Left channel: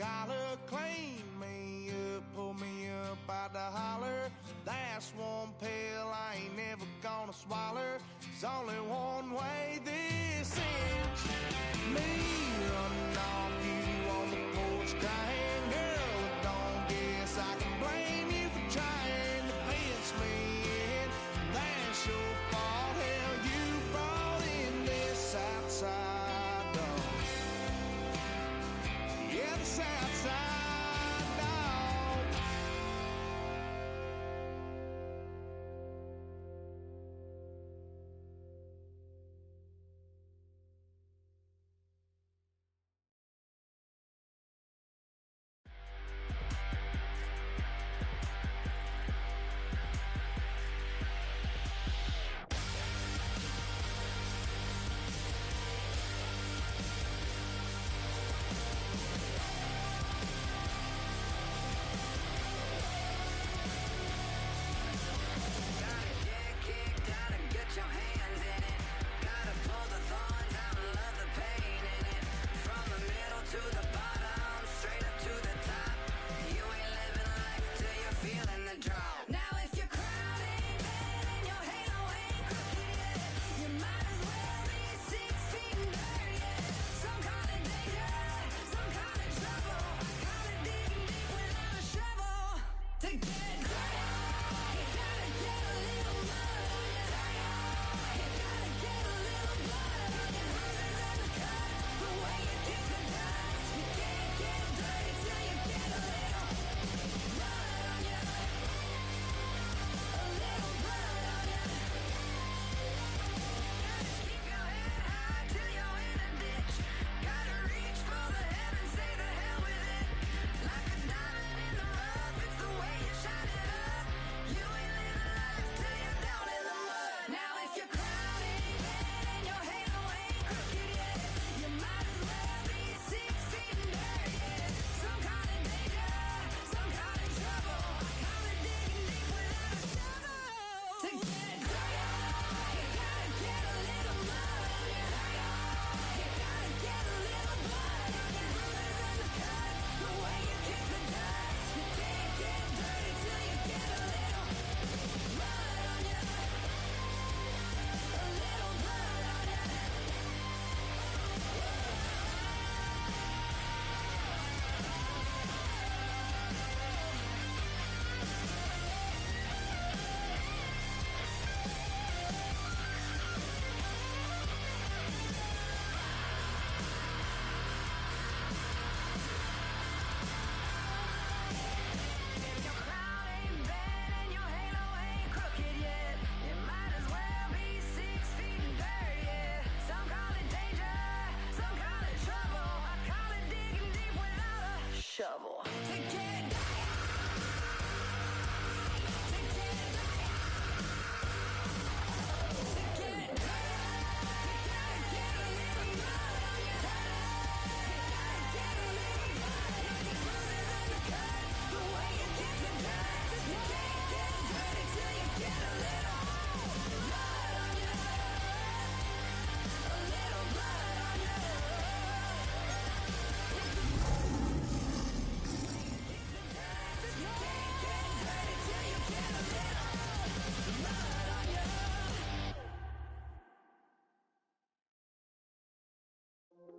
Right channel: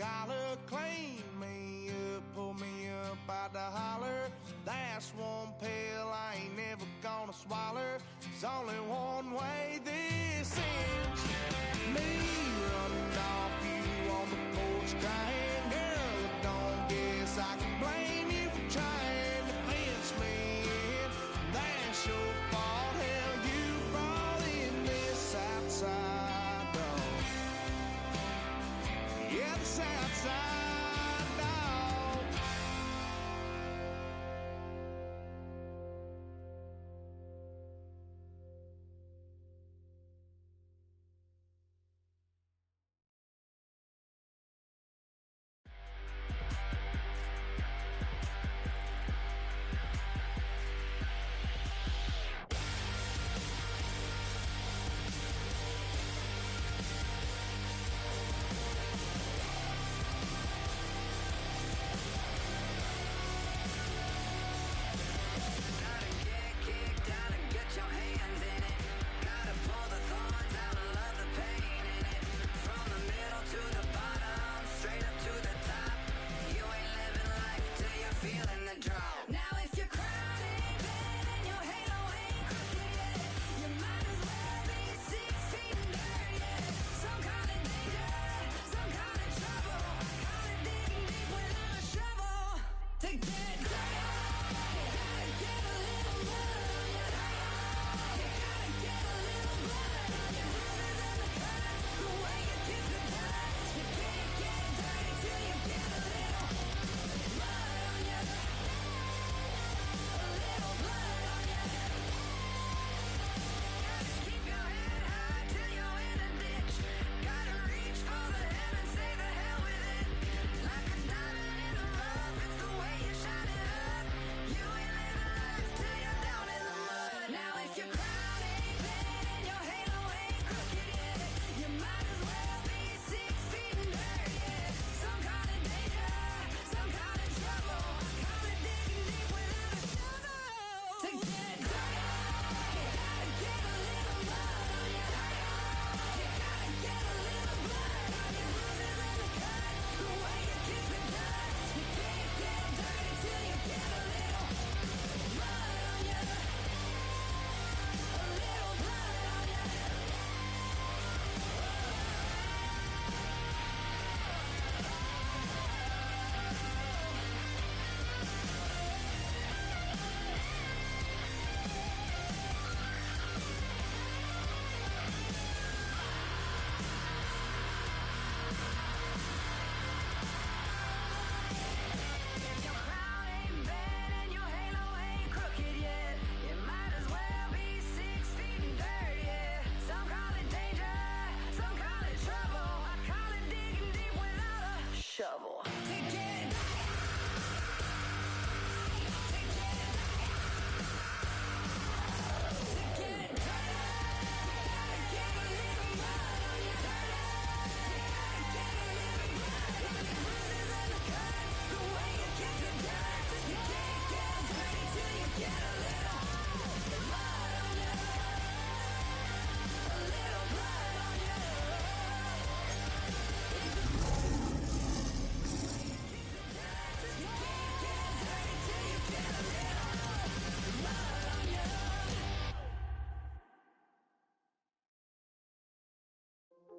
collar, clean me up, pull me up out the holler. That's one pill I ain't never gonna swallow. There's only one way this ends. Me running off you on the porch crying. Girl, I don't guess I can blame you for trying to fence me in. That's your fault, hell, you brought in this outside dog. Yeah, this outside dog.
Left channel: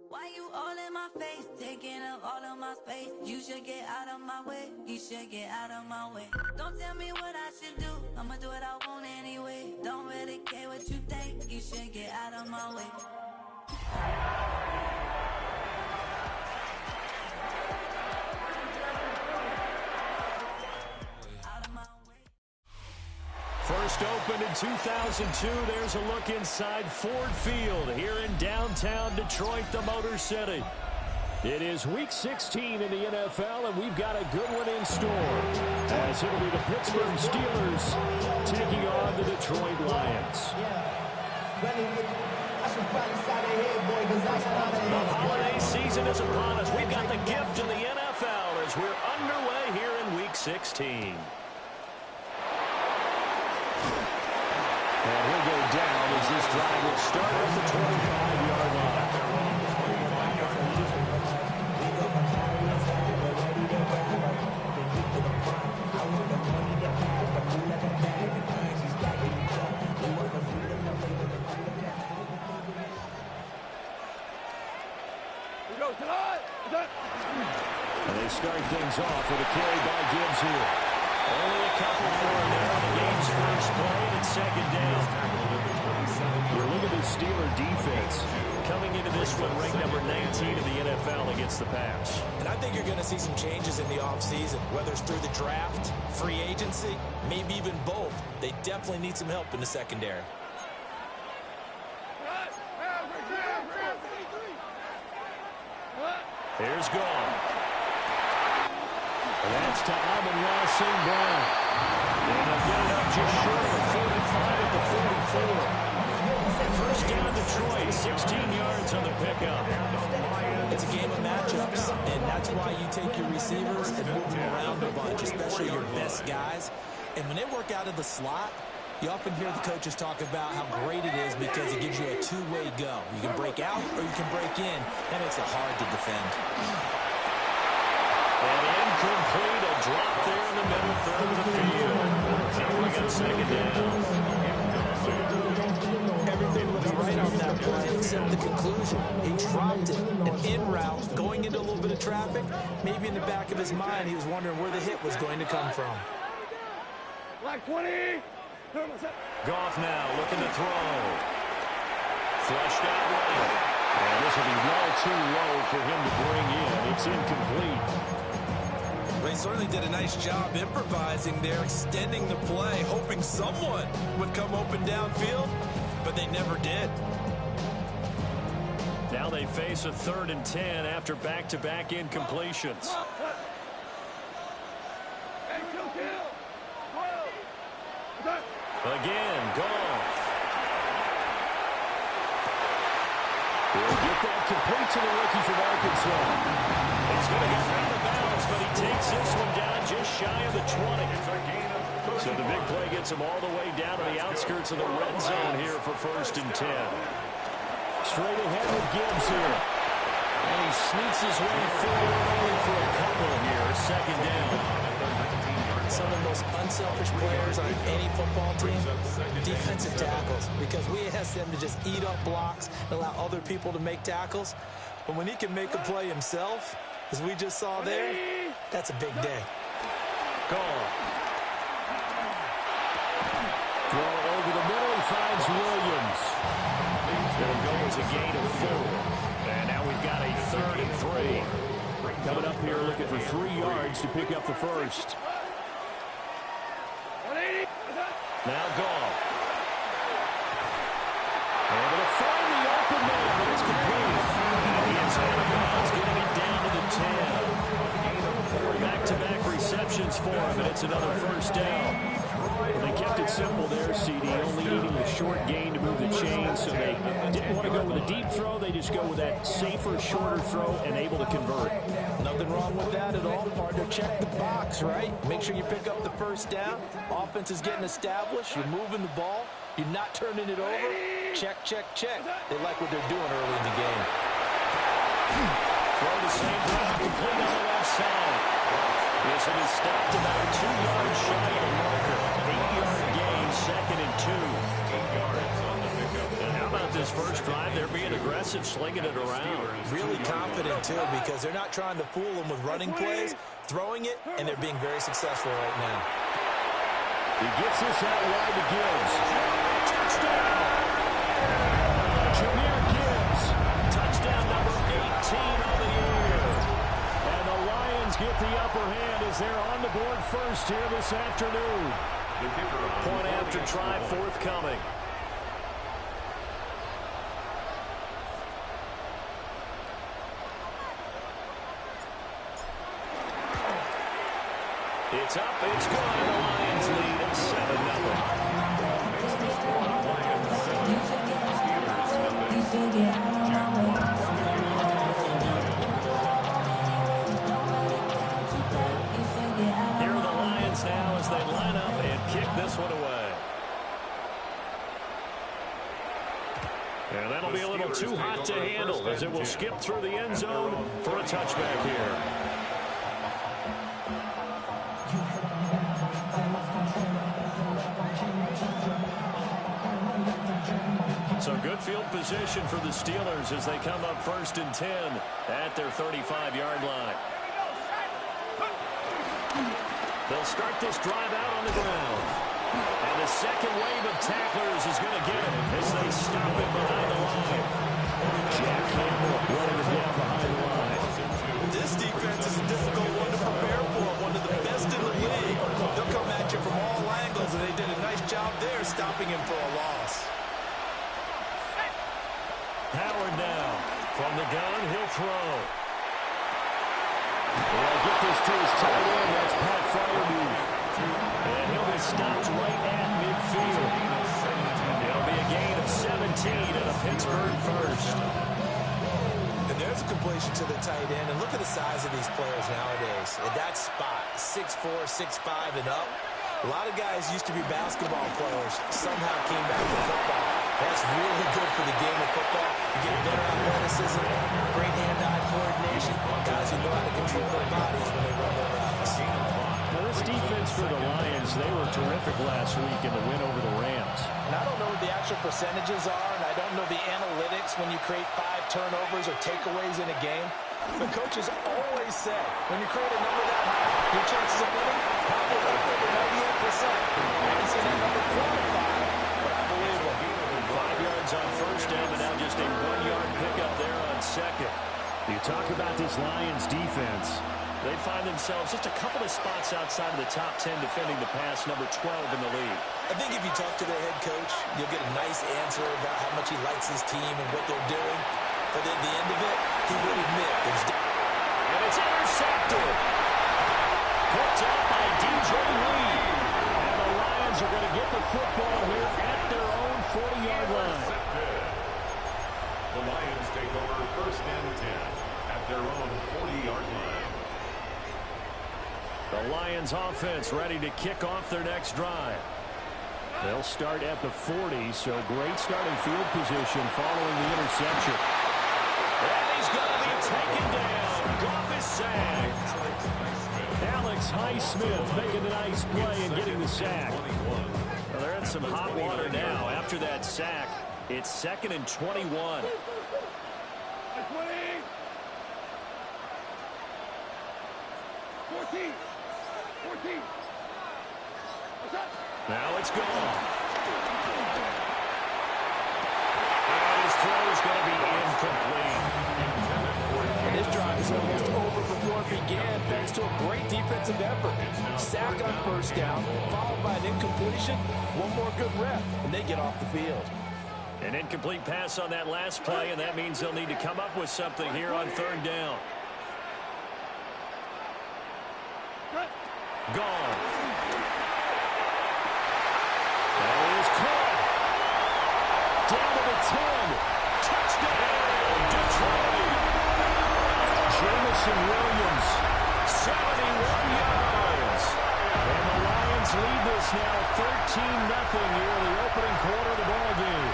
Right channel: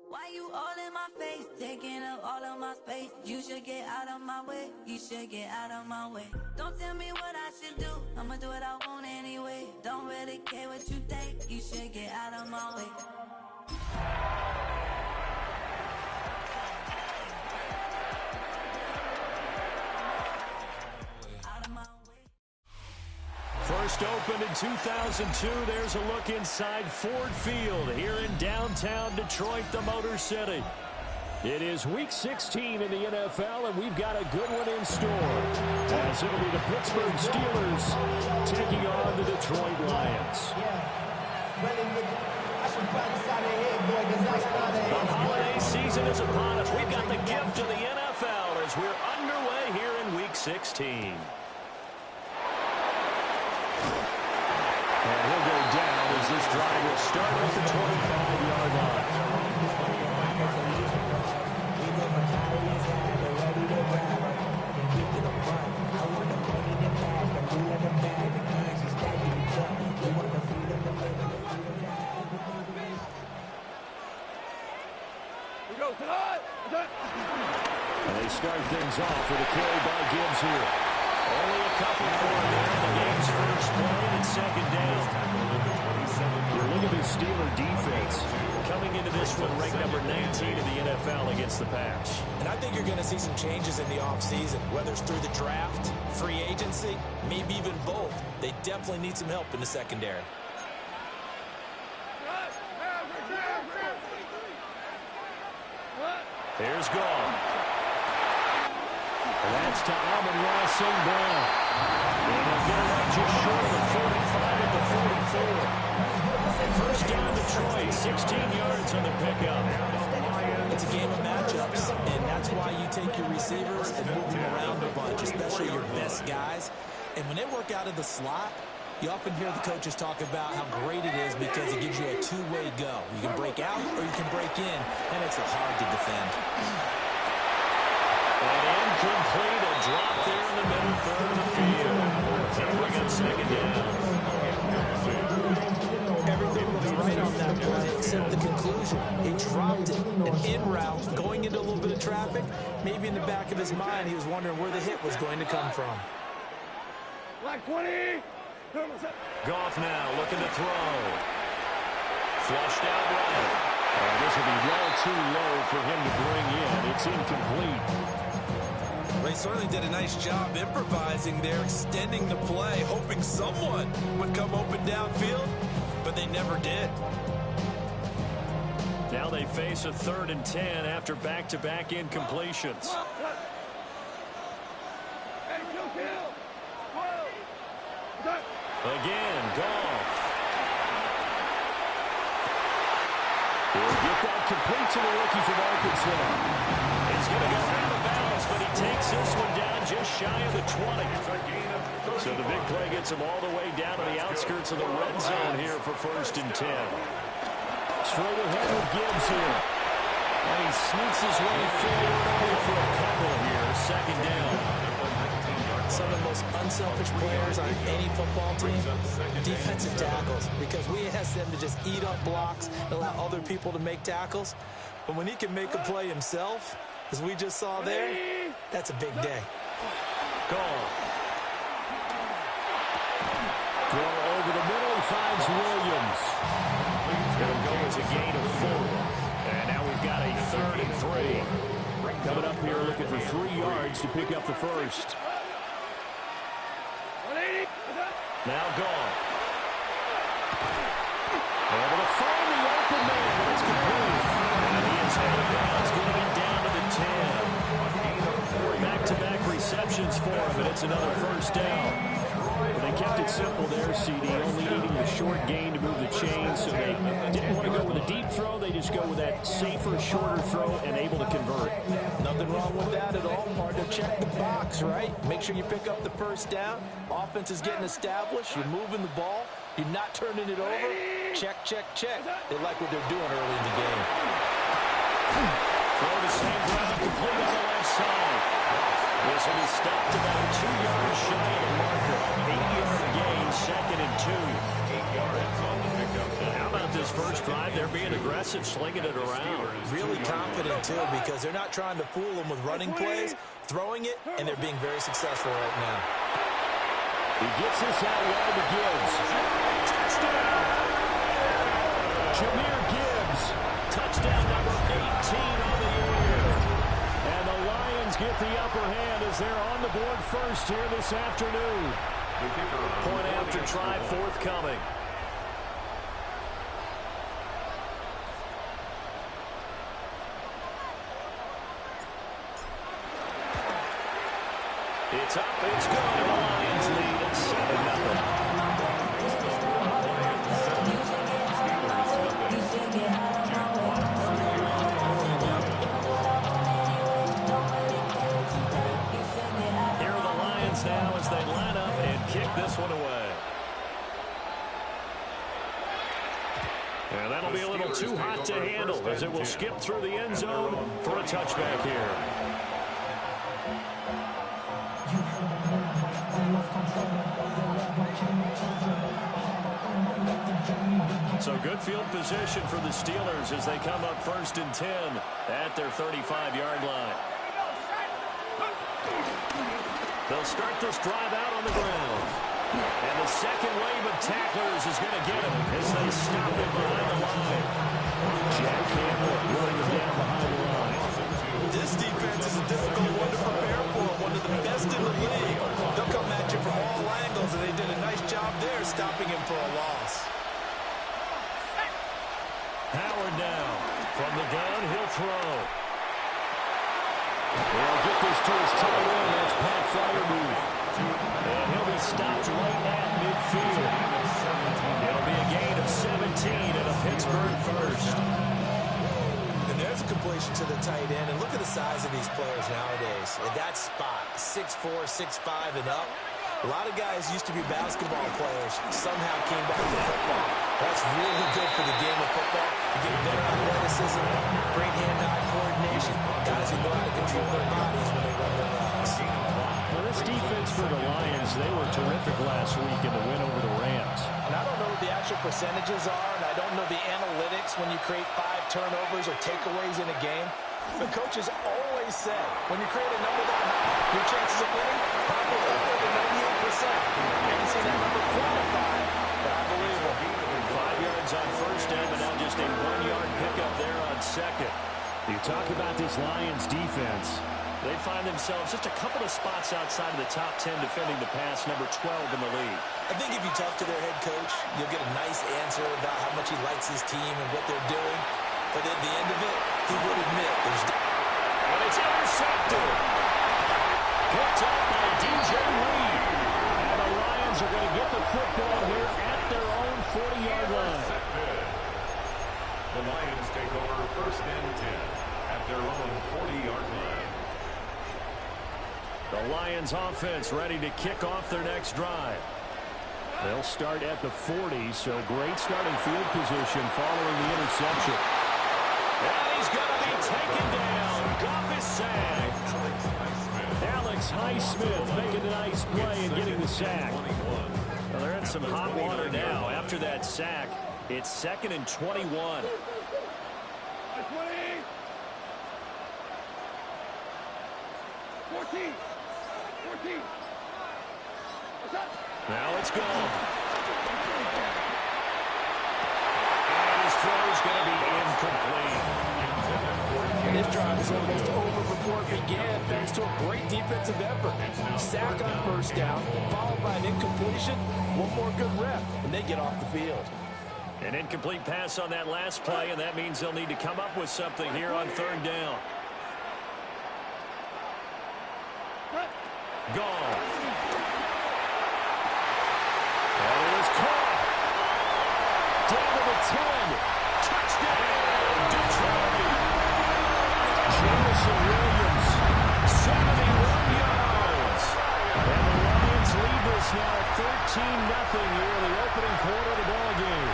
Why you all in my face, taking up all of my space? You should get out of my way, you should get out of my way. Don't tell me what I should do, I'ma do what I want anyway. Don't really care what you think, you should get out of my way. Out of my way. First opened in 2002, there's a look inside Ford Field here in downtown Detroit, the Motor City. It is Week 16 in the NFL, and we've got a good one in store, as it'll be the Pittsburgh Steelers taking on the Detroit Lions. The holiday season is upon us. We've got the gift of the NFL as we're underway here in Week 16. And he'll go down as this drive will start at the 25-yard line. start things off with a carry by Gibbs here. Only a couple for him there on the game's first play, and it's second down. You look at the Steeler defense coming into this one ranked number 19 in the NFL against the pass. And I think you're going to see some changes in the offseason, whether it's through the draft, free agency, maybe even both. They definitely need some help in the secondary. Here's Gone. And that's to Amon-Ra St. Brown. And they'll get it up just short of the 45 at the 44. And first down Detroit, 16 yards on the pickup. It's a game of matchups, and that's why you take your receivers and move them around a bunch, especially your best guys. And when they work out of the slot, you often hear the coaches talk about how great it is because it gives you a two-way go. You can break out or you can break in. That makes it hard to defend. And incomplete, a drop there in the middle third of the field. They'll bring up second down. Everything was right on that play except the conclusion. He dropped it, and en route, going into a little bit of traffic, maybe in the back of his mind, he was wondering where the hit was going to come from. Black 20. Goff now looking to throw. Flushed out right. And this will be well too low for him to bring in. It's incomplete. They certainly did a nice job improvising there, extending the play, hoping someone would come open downfield, but they never did. Now they face a 3rd and 10 after back-to-back incompletions. Again, Goff. He'll get that complete to the rookie from Arkansas. He's going to go out of bounds, but he takes this one down just shy of the 20. So the big play gets him all the way down to the outskirts of the red zone here for 1st and 10. Straight ahead with Gibbs here. And he sneaks his way forward only for a couple here. 2nd down. Some of the most unselfish players on any football team, defensive tackles, because we ask them to just eat up blocks and allow other people to make tackles. But when he can make a play himself, as we just saw there, that's a big day. Gone. Throw over the middle, he finds Williams. It'll go as a gain of 4. And now we've got a 3rd and 3. Coming up here looking for 3 yards to pick up the first. Now Goff. Able to find the open man, but it's complete. And he is out of bounds, getting it down to the 10. Back-to-back receptions for him, and it's another 1st down. Well, they kept it simple there, CD, only needing the short gain to move the chain, so they didn't want to go with a deep throw. They just go with that safer, shorter throw and able to convert. Nothing wrong with that at all, partner. Check the box, right? Make sure you pick up the 1st down. Offense is getting established. You're moving the ball. You're not turning it over. Check, check, check. They like what they're doing early in the game. Throw to St. Brown, complete on the left side. This one is stopped about 2 yards shy of the marker. 8-yard gain, 2nd and 2. 8 yards on the pickup. And how about this first drive? They're being aggressive, slinging it around. Really confident, too, because they're not trying to fool them with running plays, throwing it, and they're being very successful right now. He gets this out wide to Gibbs. Touchdown! Jahmyr Gibbs. Touchdown number 18 on the year. And the Lions get the upper hand as they're on the board first here this afternoon. Point after try forthcoming. It's up, it's good, and the Lions lead at 7-0. Here are the Lions now as they line up and kick this one away. And that'll be a little too hot to handle as it will skip through the end zone for a touchback here. So good field position for the Steelers as they come up 1st and 10 at their 35-yard line. They'll start this drive out on the ground. And the second wave of tacklers is going to get him as they stop him behind the line. Jack Campbell running him down behind the line. This defense is a difficult one to prepare for, one of the best in the league. They'll come at you from all angles, and they did a nice job there stopping him for a loss. Howard now. From the gun, he'll throw. He'll get this to his tight end. That's Pat Freiermuth. And he'll be stopped right at midfield. It'll be a gain of 17 and a Pittsburgh first. And there's a completion to the tight end. And look at the size of these players nowadays. At that spot, 6'4", 6'5", and up. A lot of guys used to be basketball players, somehow came back to football. That's really good for the game of football. You get better athleticism, great hand-eye coordination, guys who know how to control their bodies when they run their routes. Now, this defense for the Lions, they were terrific last week in the win over the Rams. And I don't know what the actual percentages are, and I don't know the analytics when you create 5 turnovers or takeaways in a game. But coaches always say, when you create a number that high, your chances of winning probably up over 98%. I haven't seen that number qualified, but I believe them. 5 yards on first down, but now just a 1-yard pickup there on second. You talk about this Lions defense. They find themselves just a couple of spots outside of the top 10 defending the pass, number 12 in the league. I think if you talk to their head coach, you'll get a nice answer about how much he likes his team and what they're doing. But at the end of it, he would admit there's... And it's intercepted. Picked up by DJ Lee. And the Lions are going to get the football here at their own 40-yard line. The Lions take over first and 10 at their own 40-yard line. The Lions offense ready to kick off their next drive. They'll start at the 40, so great starting field position following the interception. And he's going to be taken down. Goff is sacked. Alex Highsmith making a nice play and getting the sack. Well, they're in some hot water now. After that sack, it's 2nd and 21. 20. Now it's gone. And his throw is going to be incomplete. And this drive is almost over before it began, thanks to a great defensive effort. Sack on first down, followed by an incompletion. One more good rep, and they get off the field. An incomplete pass on that last play, and that means they'll need to come up with something here on 3rd down. Gone. That is caught. Down to the 10. Touchdown, Detroit. Jamison Williams, 71 yards. And the Lions lead this now 13-0 here in the opening quarter of the ball game.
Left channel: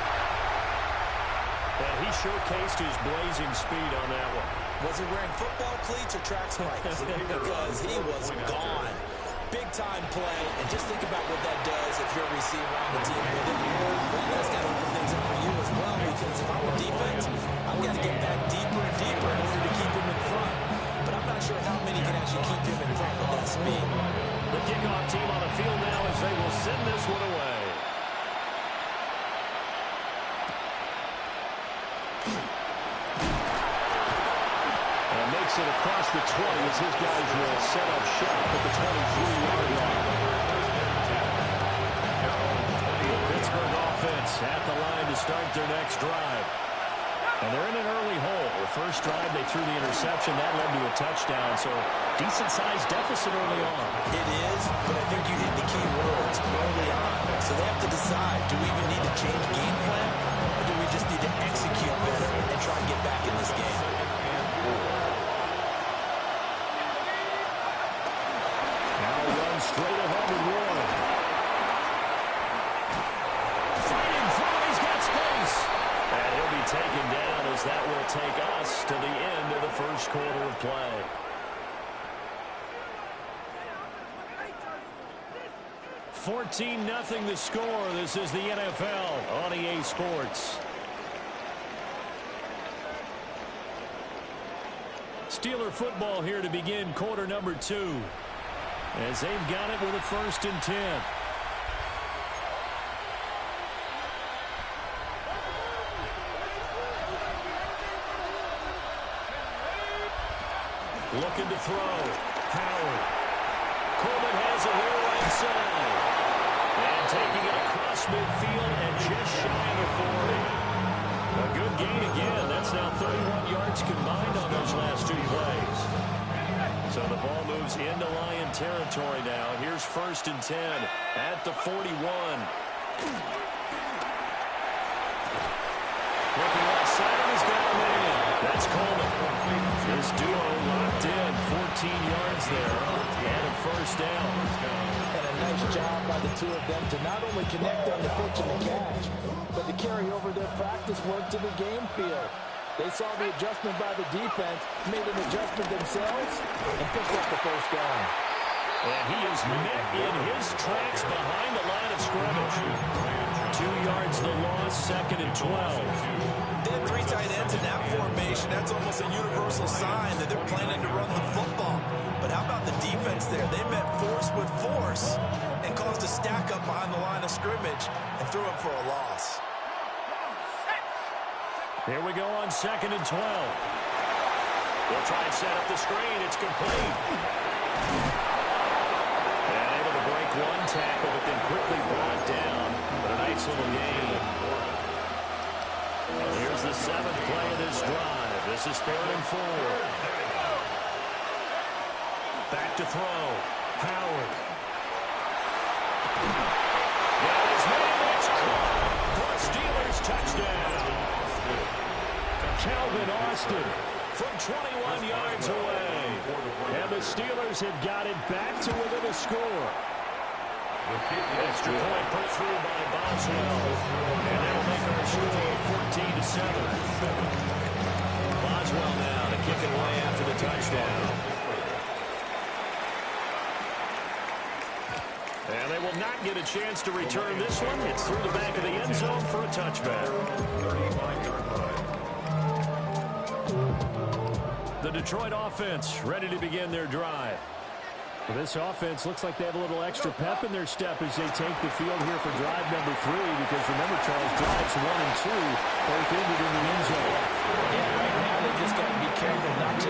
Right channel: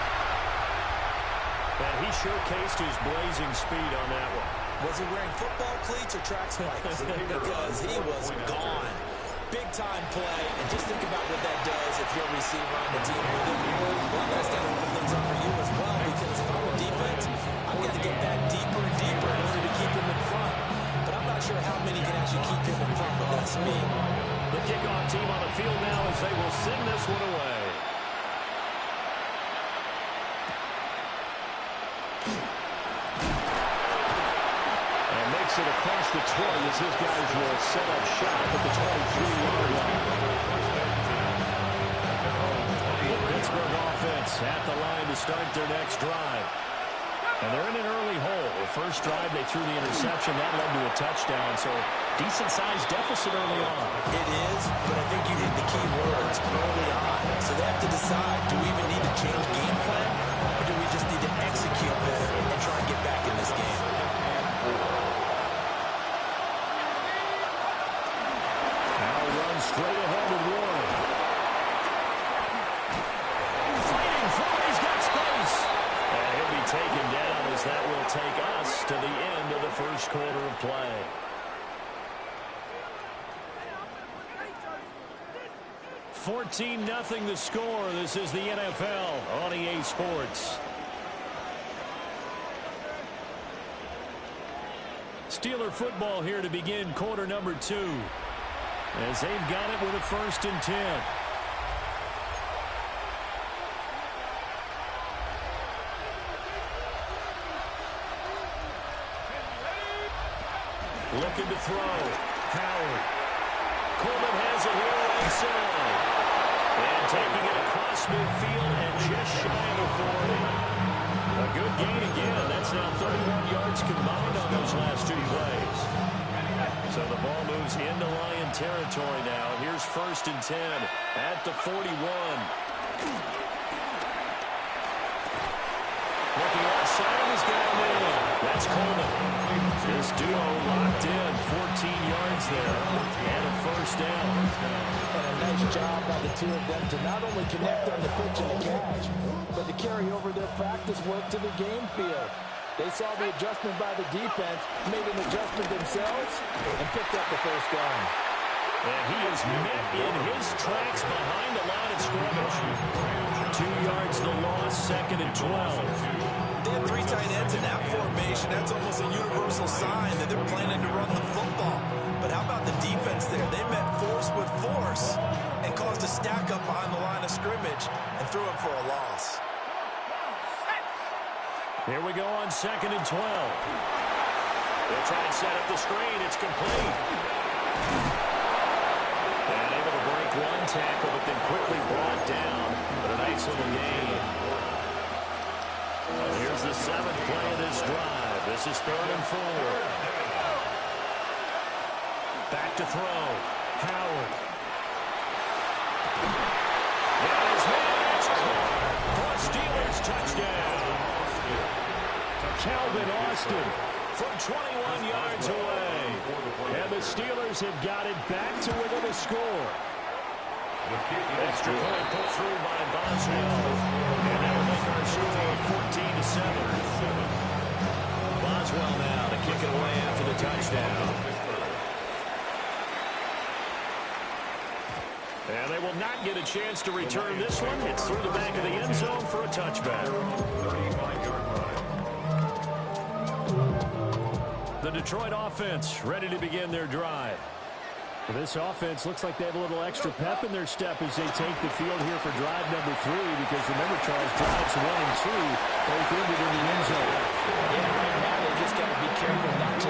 And he showcased his blazing speed on that one. Was he wearing football cleats or track spikes? Because he was gone. Big-time play, and just think about what that does if you're a receiver on the team with him. Well, that's got to open things up for you as well, because if I'm a defense, I've got to get back deeper and deeper in order to keep him in front. But I'm not sure how many can actually keep him in front with that speed. The kickoff team on the field now as they will send this one away. Makes it across the 20 as his guys will set up shop at the 23-yard line. The Pittsburgh offense at the line to start their next drive. And they're in an early hole. The first drive, they threw the interception. That led to a touchdown, so decent-sized deficit early on. It is, but I think you hit the key words early on. So they have to decide, do we even need to change game plan, or do we just need to execute better and try and get back in this game? Straight ahead with Warren. Fighting for it. He's got space. And he'll be taken down as that will take us to the end of the first quarter of play. $14-0 the score. This is the NFL on EA Sports. Steeler football here to begin quarter number 2. as they've got it with a 1st and 10. Looking to throw. Howard. Coleman has it here right side. And taking it across midfield and just shy of the 40. A good gain again. That's now 31 yards combined on those last 2 plays. So the ball moves into Lion territory now. Here's 1st and 10 at the 41. Looking outside, he's got a man. That's Coleman. This duo locked in. 14 yards there and a 1st down. And a nice job by the two of them to not only connect on the pitch and the catch, but to carry over their practice work to the game field. They saw the adjustment by the defense, made an adjustment themselves, and picked up the 1st down. And he is met in his tracks behind the line of scrimmage. 2 yards the loss, 2nd and 12. They have 3 tight ends in that formation. That's almost a universal sign that they're planning to run the football. But how about the defense there? They met force with force and caused a stack up behind the line of scrimmage and threw him for a loss. Here we go on 2nd and 12. They'll try and set up the screen. It's complete. And able to break one tackle, but then quickly brought down. But a nice little gain. Here's the 7th play of this drive. This is 3rd and 4. Back to throw. Howard. Got his man. It's caught for a Steelers touchdown. Calvin Austin from 21 yards away. And the Steelers have got it back to within a score. Extra point put through by Boswell. And that'll make our score 14-7. Boswell now to kick it away after the touchdown. And they will not get a chance to return this one. It's through the back of the end zone for a touchback. 35-yard line. The Detroit offense ready to begin their drive. This offense looks like they have a little extra pep in their step as they take the field here for drive number 3, because remember, Charles, drives 1 and 2 both ended in the end zone. Yeah, right now they just got to be careful not to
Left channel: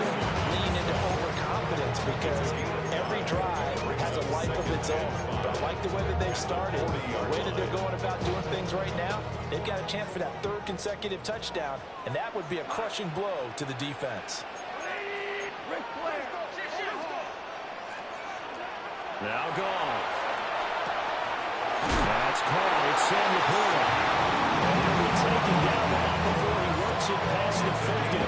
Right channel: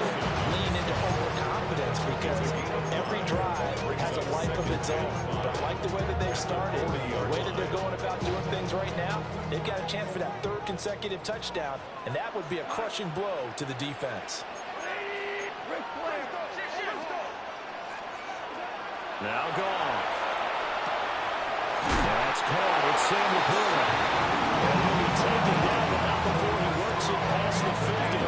lean into overconfidence, because every drive has a life of its own. But I like the way that they've started, the way that they're going about doing things right now. They've got a chance for that 3rd consecutive touchdown, and that would be a crushing blow to the defense. Now Goff. That's caught. It's Sam Laporta. And he'll be taken down, but not before he works it past the 50.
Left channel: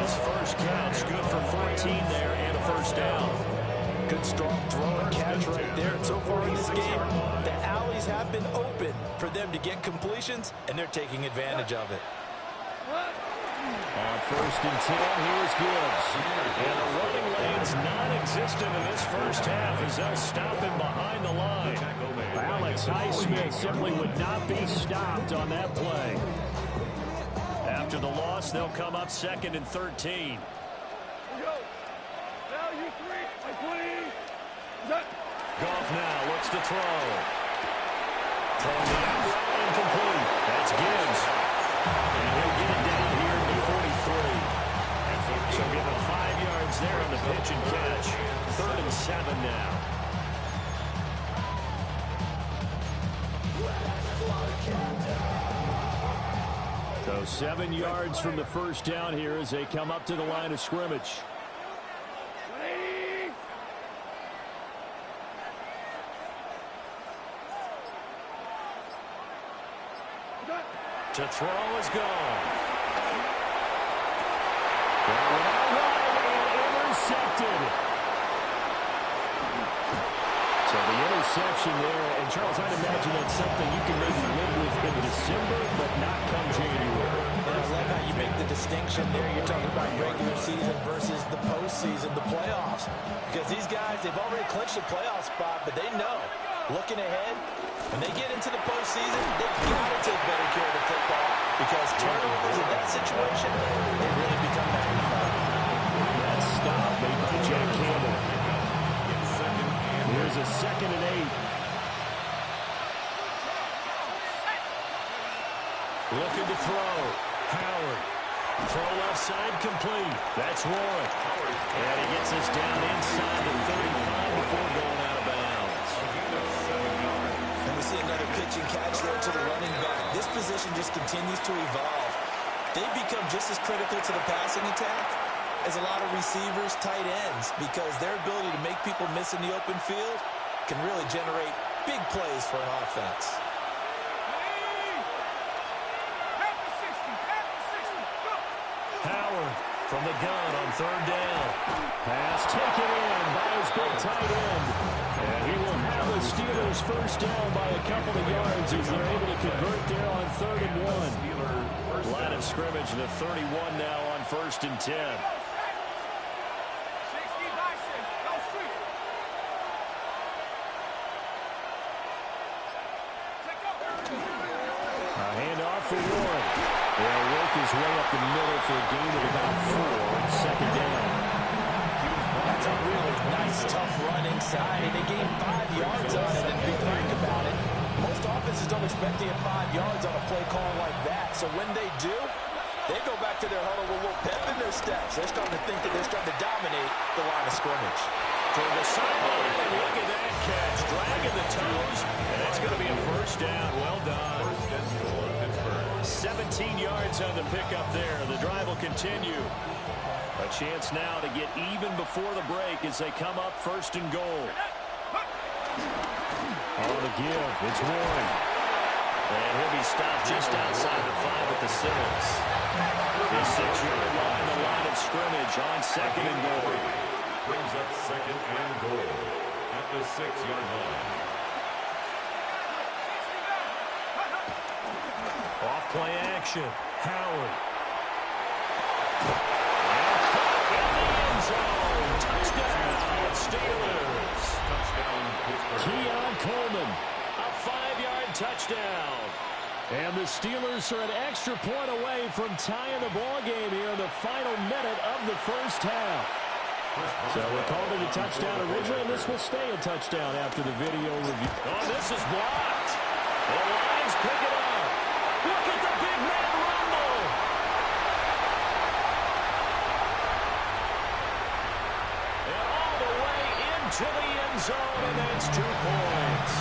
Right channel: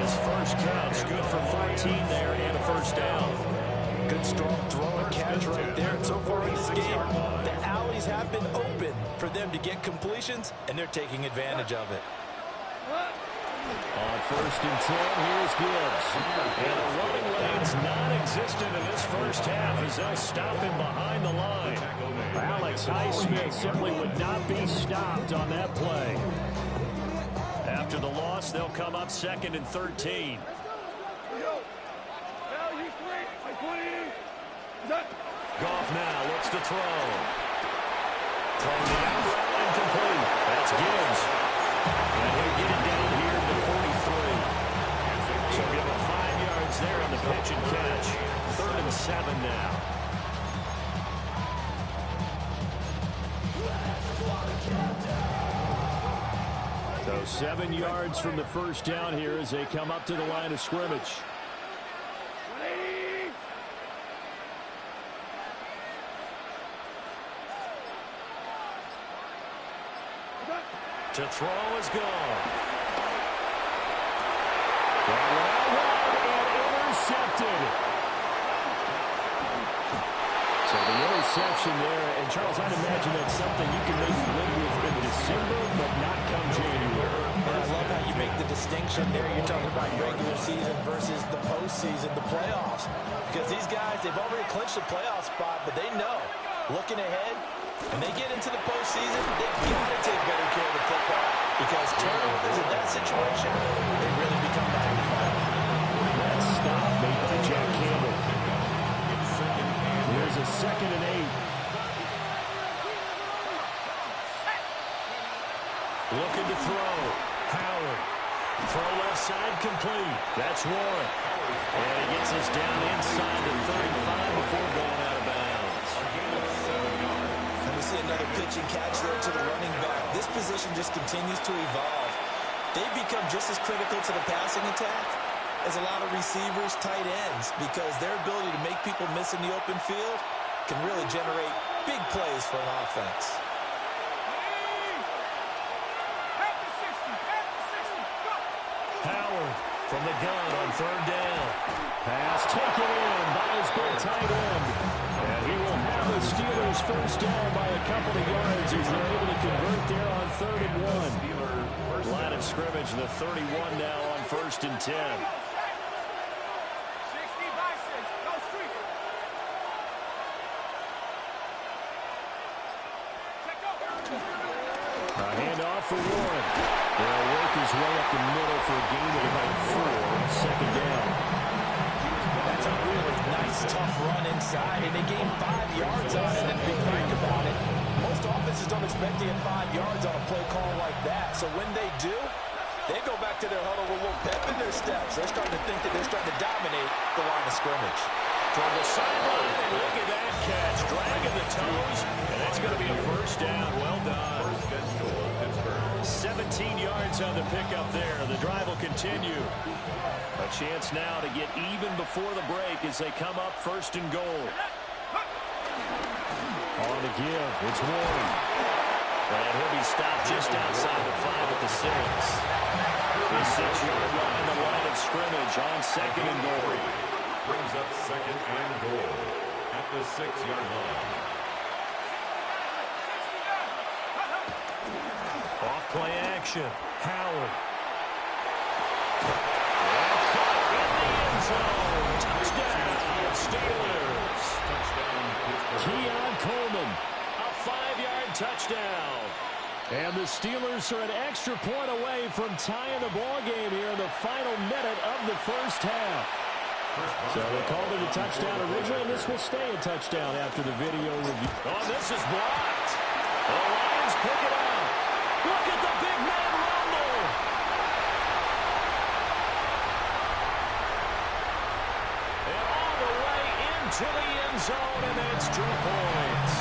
His first catch, good for 14 there and a 1st down. Good strong throw and catch right there. And so far in this game, the alleys have been open for them to get completions, and they're taking advantage of it. On 1st and 10, here's Gibbs. And the running lane's non-existent in this first half as they'll stop him behind the line. Alex Highsmith simply would not be stopped on that play. After the loss, they'll come up 2nd and 13. Goff now looks to throw. Throwing the out route incomplete. That's Gibbs. And he'll get it down here to 43. So give him 5 yards there on the pitch and catch. 3rd and 7 now. So 7 yards from the 1st down here as they come up to the line of scrimmage. To throw is gone. That went out wide and intercepted. So the interception there, and Charles, I'd imagine that's something you can maybe live with in December, but not come January. And I love how you make the distinction there. You're talking about regular season versus the postseason, the playoffs. Because these guys, they've already clinched the playoff spot, but they know, looking ahead, when they get into the postseason, they've got to take better care of the football, because turnovers in that situation, they really become magnified. That stop made by Jack Campbell. a 2nd and 8. Looking to throw. Howard. Throw left side complete. That's Warren. And he gets us down inside the 35 before going out of bounds. A gain of 7 yards. And we see another pitch and catch there to the running back. This position just continues to evolve. They've become just as critical to the passing attack as a lot of receivers, tight ends, because their ability to make people miss in the open field can really generate big plays for an offense. Howard from the gun on 3rd down. Pass taken in by his big tight end. And he will have the Steelers first down by a couple of yards as they're able to convert there on 3rd and 1. Line of scrimmage, the 31 now on 1st and 10. A handoff for Warren. They'll work his way up the middle for a gain of about 4. 2nd down. That's a really nice, tough run inside, and they gained 5 yards on it. And to be frank about it, most offenses don't expect to get 5 yards on a play call like that. So when they do, they go back to their huddle with a little pep in their steps. They're starting to think that they're starting to dominate the line of scrimmage. Toward the sideline, and look at that catch. Dragging the toes, and that's going to be a first down. Well done. First and goal, Pittsburgh. 17 yards on the pickup there. The drive will continue. A chance now to get even before the break as they come up 1st and goal. On the give, it's Warren. And he'll be stopped just outside the 5 at the 6. The 6-yard line, the line of scrimmage on 2nd and goal. Brings up 2nd and goal at the 6-yard line. Off play action. Howard. And caught in the end zone. Touchdown, Steelers. Touchdown, Pittsburgh. Keon Coleman, a 5-yard touchdown. And the Steelers are an extra point away from tying the ball game here in the final minute of the first half. So they called it a touchdown originally, and this will stay a touchdown after the video review. Oh, this is blocked. The Lions pick it up. Look at the big man rumble. And all the way into the end zone, and that's 2 points.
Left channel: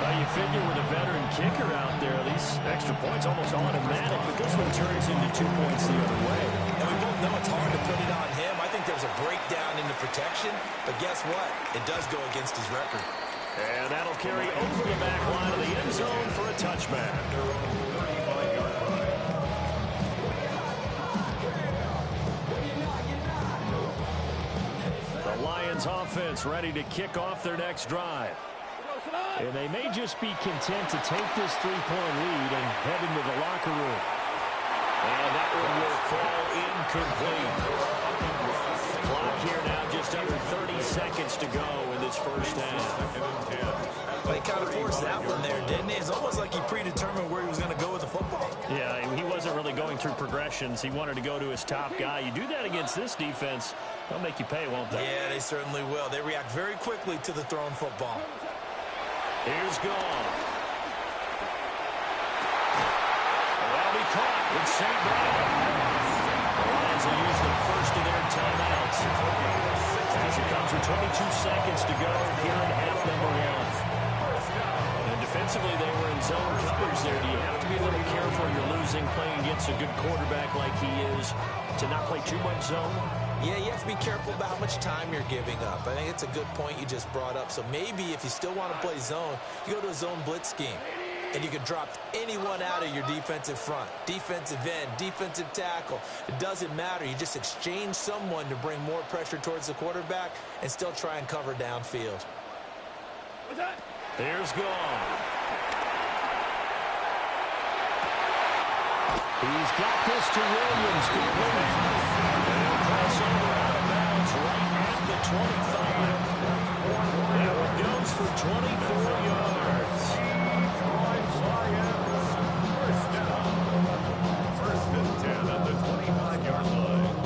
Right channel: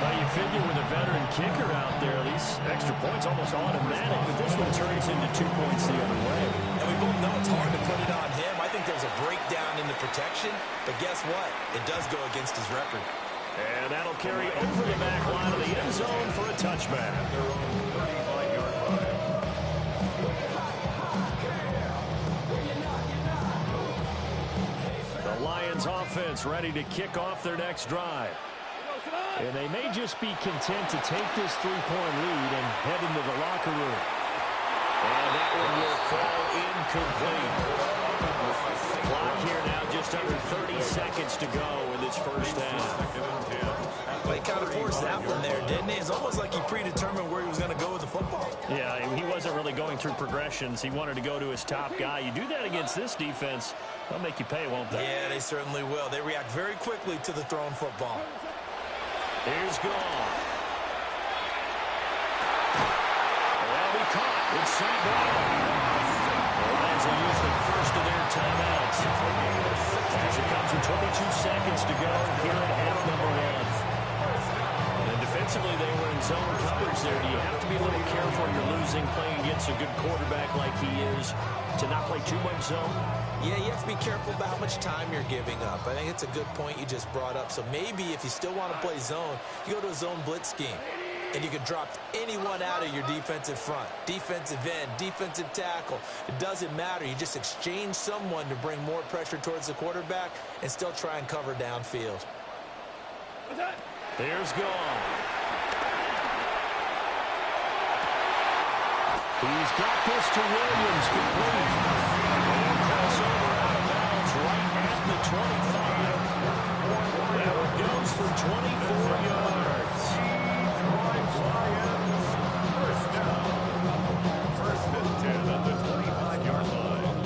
Well, you figure with a veteran kicker out there, these extra points almost automatic, but this one turns into 2 points the other way. And we both know it's hard to put it on him. I think there's a breakdown in the protection, but guess what? It does go against his record. And that'll carry over the back line of the end zone for a touchback. Their own 35-yard line. The Lions offense ready to kick off their next drive. And they may just be content to take this 3-point lead and head into the locker room. And that one will fall incomplete. Clock here now just under 30 seconds to go in this first half. 2nd and 10. Well, he kind of forced that one there, didn't he? It's almost like he predetermined where he was going to go with the football. Yeah, he wasn't really going through progressions. He wanted to go to his top guy. You do that against this defense, they'll make you pay, won't they? Yeah, they certainly will. They react very quickly to the thrown football. Here's Goff. That'll be caught with St. Brown. The Lions will use the first of their timeouts as it comes with 22 seconds to go here in half number 1. And defensively, they were in zone coverage there. Do you have to be a little careful? You're losing, playing against a good quarterback like he is, to not play too much zone? Yeah, you have to be careful about how much time you're giving up. I think it's a good point you just brought up. So maybe if you still want to play zone, you go to a zone blitz scheme. And you can drop anyone out of your defensive front. Defensive end, defensive tackle. It doesn't matter. You just exchange someone to bring more pressure towards the quarterback and still try and cover downfield. There's Goff. He's got this to Williams complete. And crossover out of bounds right at the 25. That one goes for 24 yards. Lions, first down. 1st and 10 at the 25-yard line.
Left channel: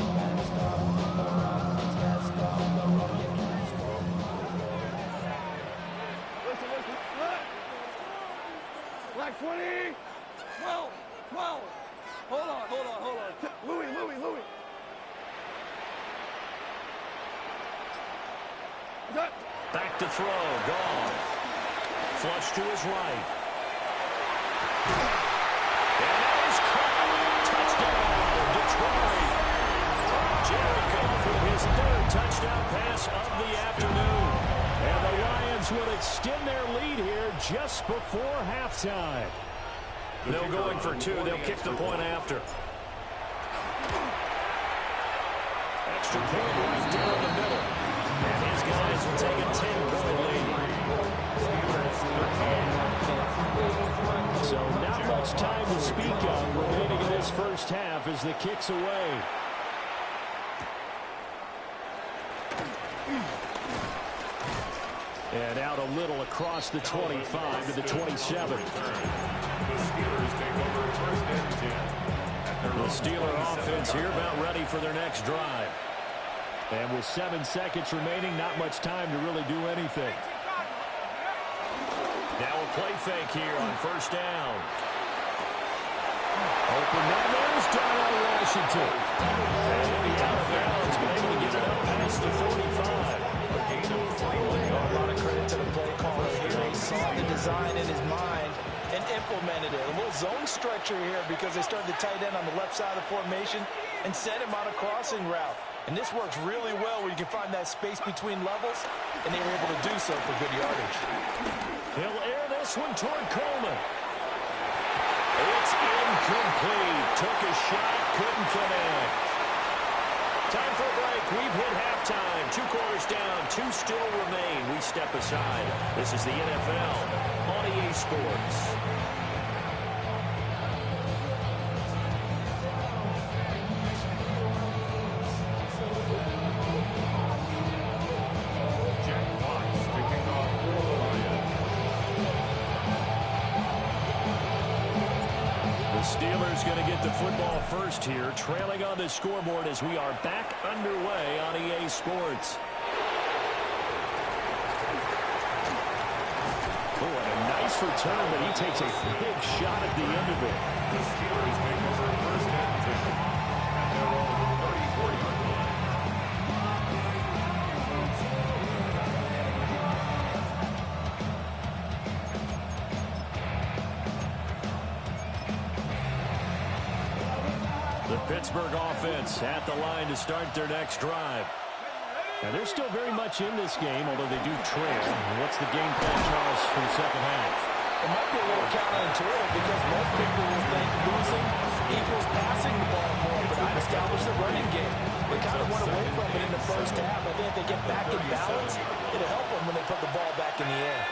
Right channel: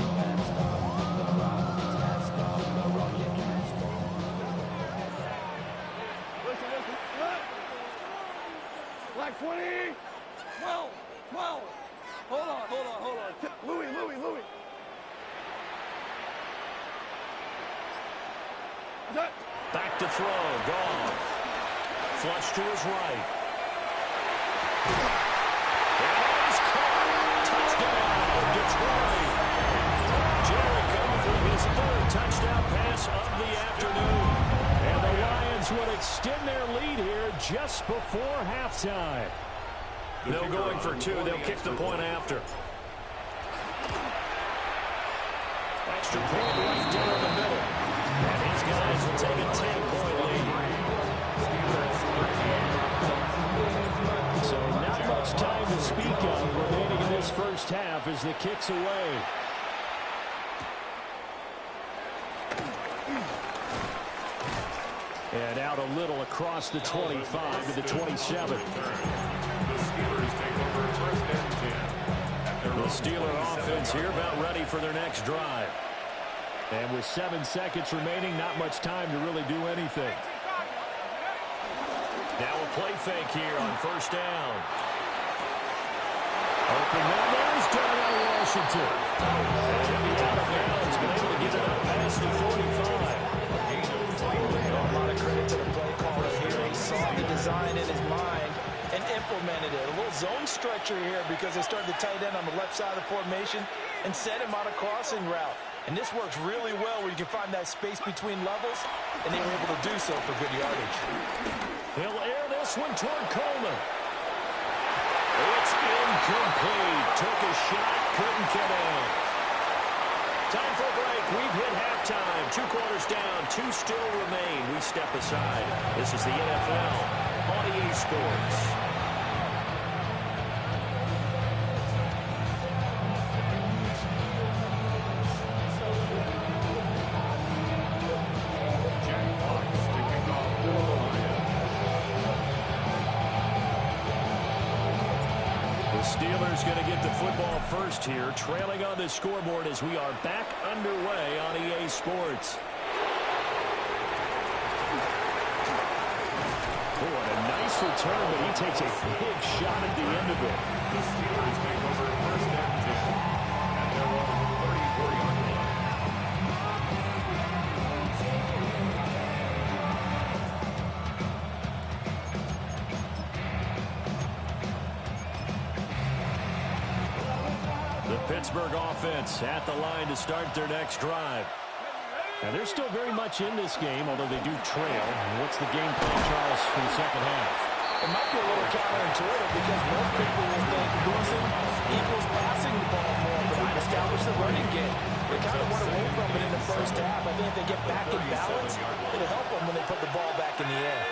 back 20. 12. Hold on. Louis. Back to throw. Gone. Flush to his right. And that is caught. Touchdown, Detroit. Jared Goff with his third touchdown pass of the afternoon. And the Lions will extend their lead here just before halftime. No going for two. They'll kick the point after. Extra point right down the middle. And his guys will take a 10-point lead. So not much time to speak of remaining in this first half as the kick's away. And out a little across the 25 to the 27. The Steelers take over first and 10. The Steeler offense here about ready for their next drive. And with 7 seconds remaining, not much time to really do anything. Now a play fake here on first down. Open man, there's Darnell Washington. And he'll be out of bounds, but able to get it up past the 45. A lot of credit to the play caller here. He saw the design in his mind and implemented it. A little zone stretcher here because they started the tight end on the left side of the formation and sent him on a crossing route. And this works really well where you can find that space between levels, and they were able to do so for good yardage. He'll air this one toward Coleman. It's incomplete. Took a shot, couldn't connect. Time for a break. We've hit halftime. 2 quarters down, 2 still remain. We step aside. This is the NFL on EA Sports. Steelers going to get the football first here, trailing on the scoreboard as we are back underway on EA Sports. Oh, what a nice return, but he takes a big shot at the end of it. The Steelers take over first and 10 at their own 34-yard line. The Pittsburgh offense at the line to start their next drive. Now, they're still very much in this game, although they do trail. What's the game plan, Charles, for the second half? It might be a little counterintuitive because most people will think losing equals passing the ball more, but I'd establish the running game. They kind of went away from it in the first half. I think if they get back in balance, it'll help them when they put the ball back in the air.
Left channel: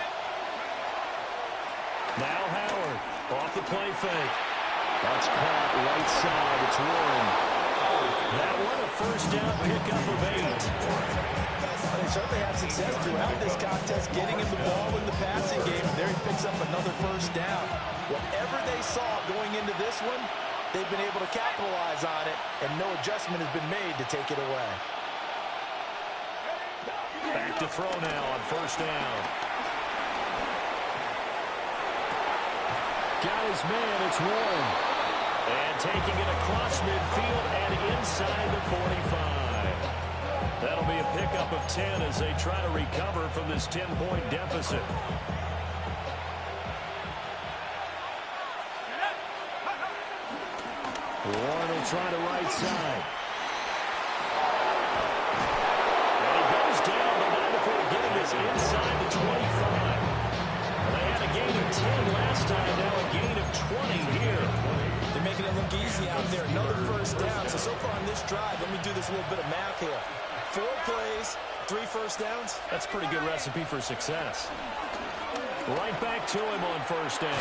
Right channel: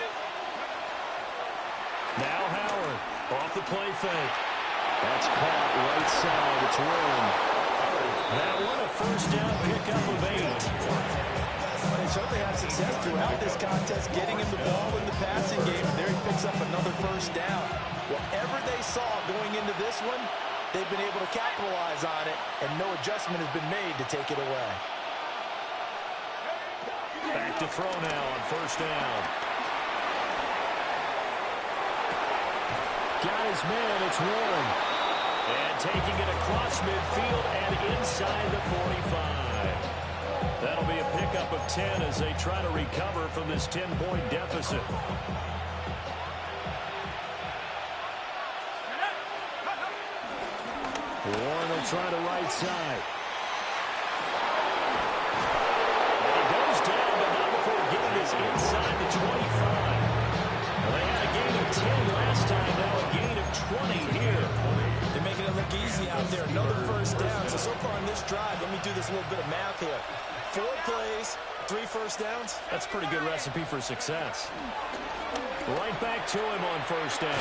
Now Howard off the play fake. That's caught right side. It's Warren. That one a first down pickup of 8. Well, they certainly had success throughout this contest getting him the ball in the passing game, and there he picks up another first down. Whatever they saw going into this one, they've been able to capitalize on it, and no adjustment has been made to take it away. Back to throw now on first down. Got his man, it's Warren. And taking it across midfield and inside the 45. That'll be a pickup of 10 as they try to recover from this 10-point deficit. Warren will try the right side. And he goes down, but not before getting this inside the 25. Well, they had a gain of 10 last time, now a gain of 20 here. They're making it look easy out there. Another first down. So far on this drive, let me do this little bit of math here. 4 plays, 3 first downs. That's a pretty good recipe for success. Right back to him on first down.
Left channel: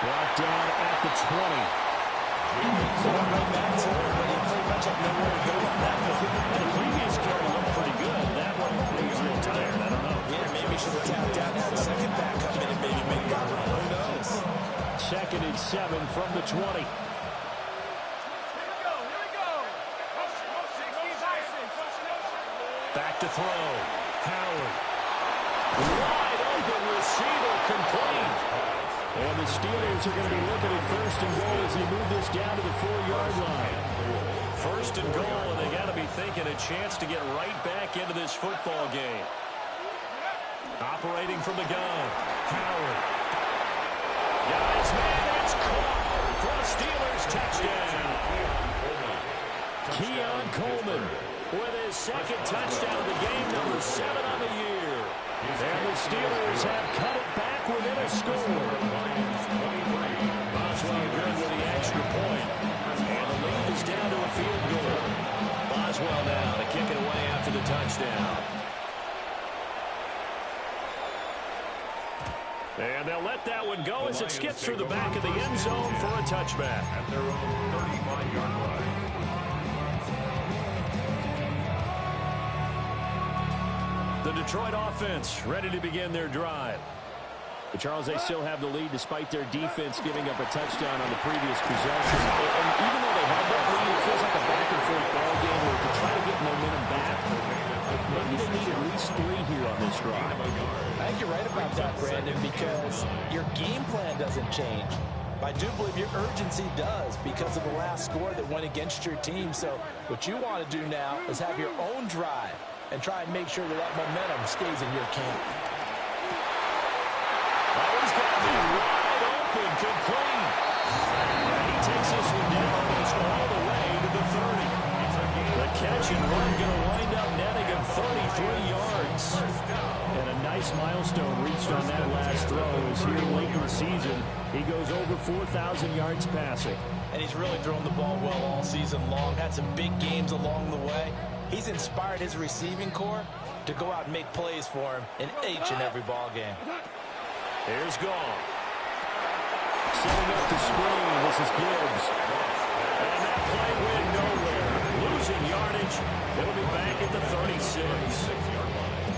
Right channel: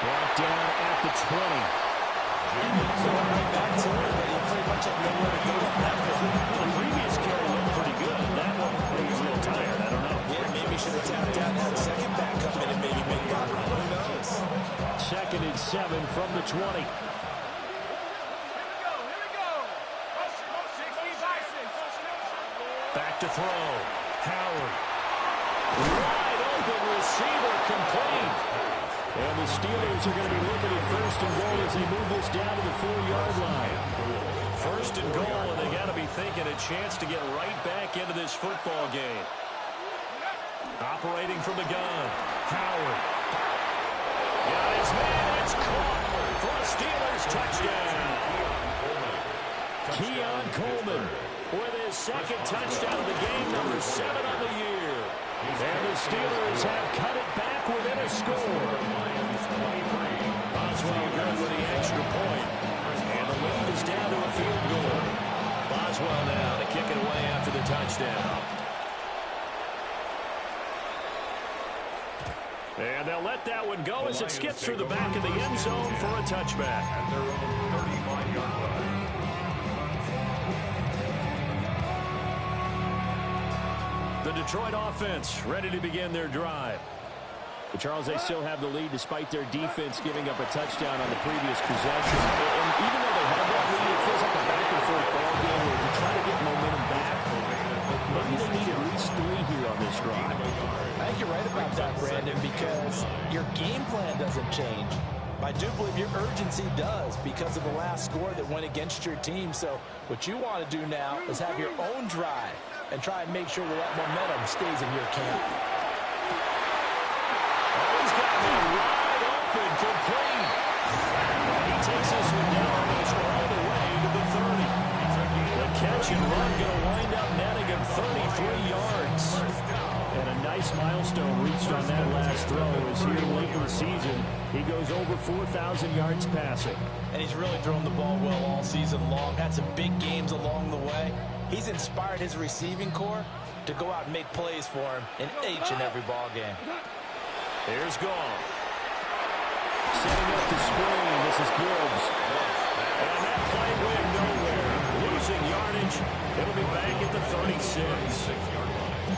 Brought down at the 20. Going right back to it, but he pretty much had nowhere to go on that one. Well, the previous carry looked pretty good. That one, he's real tired. I don't know. Yeah, maybe he should have tapped out and had a second back come in and maybe make that run. Who knows? 2nd and 7 from the 20. Back to throw. Howard. Wide open receiver complete. And the Steelers are going to be looking at first and goal as they move this down to the 4-yard line. First and goal, and they got to be thinking a chance to get right back into this football game. Operating from the gun, Howard. Got his man, and it's caught for a Steelers touchdown. Keon Coleman with his second touchdown of the game, number 7 on the year. And the Steelers have cut it back within a score. Boswell good with the extra point. And the lead is down to a field goal. Boswell now to kick it away after the touchdown. And they'll let that one go as it skips through the back of the end zone for a touchback. At their own 35-yard line. The Detroit offense ready to begin their drive. But Charles, they still have the lead despite their defense giving up a touchdown on the previous possession. And even though they have that lead, it feels like a back-and-forth ball game where to try to get momentum back, maybe they need at least 3 here on this drive. I think you're right about that, Brandon, because your game plan doesn't change. I do believe your urgency does because of the last score that went against your team. So what you want to do now is have your own drive and try and make sure that that momentum stays in your camp. Oh, he's got me wide open, complete. And he takes this one down almost all the way to the 30. The catch and run going to wind up netting him 33 yards. And a nice milestone reached on that last throw as here late in the season, he goes over 4,000 yards passing. And he's really thrown the ball well all season long. Had some big games along the way. He's inspired his receiving corps to go out and make plays for him in each and every ball game. Here's Gong. Setting up the screen. This is Gibbs. And that play went nowhere. Losing yardage. It'll be back at the 36.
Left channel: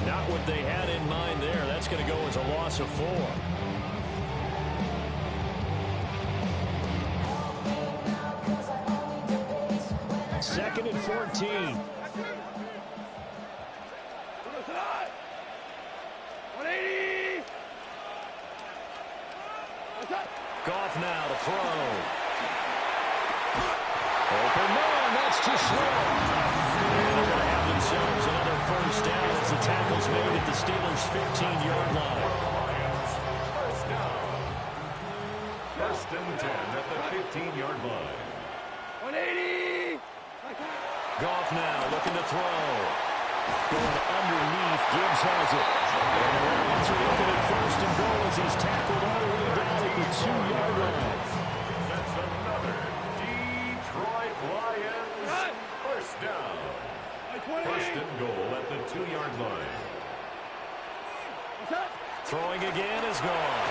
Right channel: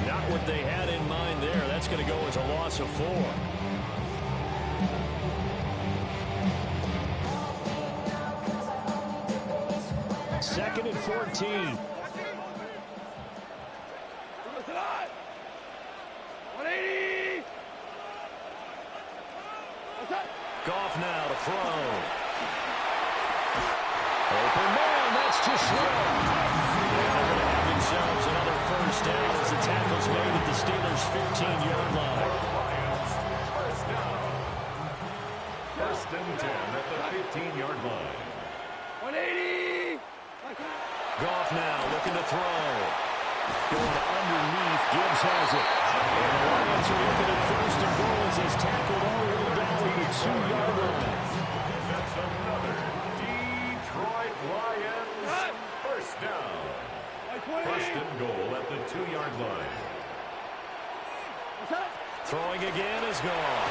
Not what they had in mind there. That's going to go as a loss of 4. Second and 14. 180. Goff now to throw. Open man, that's too slow. And they're going to have themselves another first down as the tackle's made at the Steelers' 15-yard line. First down. First and 10 at the 15-yard line. 180. Goff now looking to throw. Going underneath, Gibbs has it. And the Lions are looking at first and goal as he's tackled all the way down at the 2-yard line. That's another Detroit Lions first down. First and goal at the 2-yard line. Throwing again is gone.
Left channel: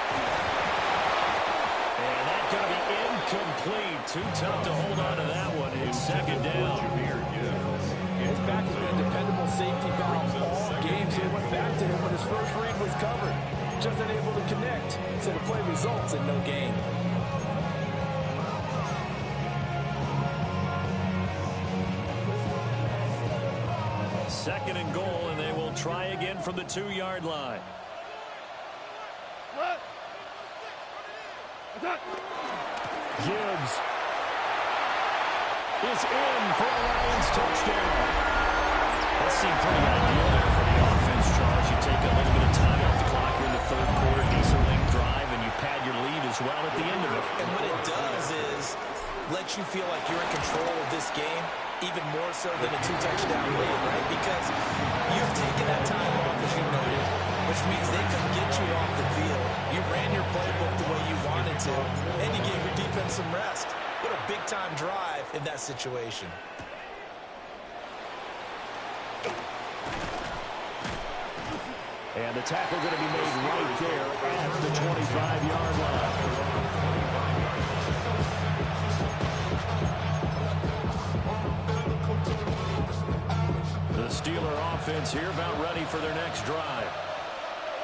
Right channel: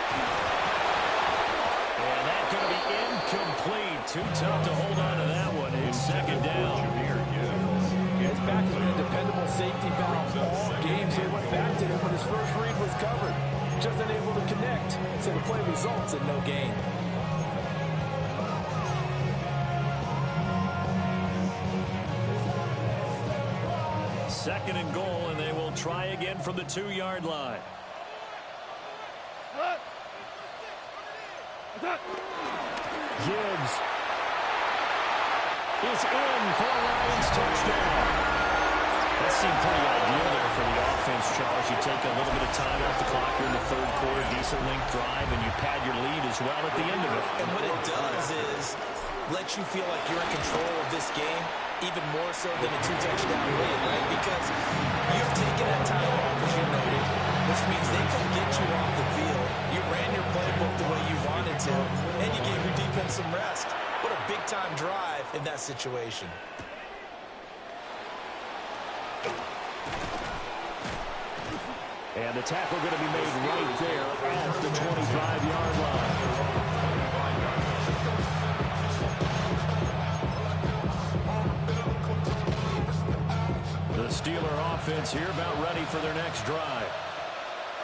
And that's going to be incomplete. Too tough to hold on to that one. It's second down. His back has been a dependable safety valve all game, so he went back to him when his first read was covered. Just unable to connect, so the play results in no gain. Second and goal, and they will try again from the 2-yard line. Gibbs is in for a Lions touchdown. That seemed pretty ideal there for the offense, Charles. You take a little bit of time off the clock here in the third quarter, decent length drive, and you pad your lead as well at the end of it. And what it does is let you feel like you're in control of this game, even more so than a 2-touchdown lead, right? Because you've taken that time off, as you noted, which means they couldn't get you off the field. You ran your playbook the way you wanted to, and you gave your defense some rest. What a big-time drive in that situation. And the tackle going to be made right there at the 25-yard line. The Steeler offense here about ready for their next drive.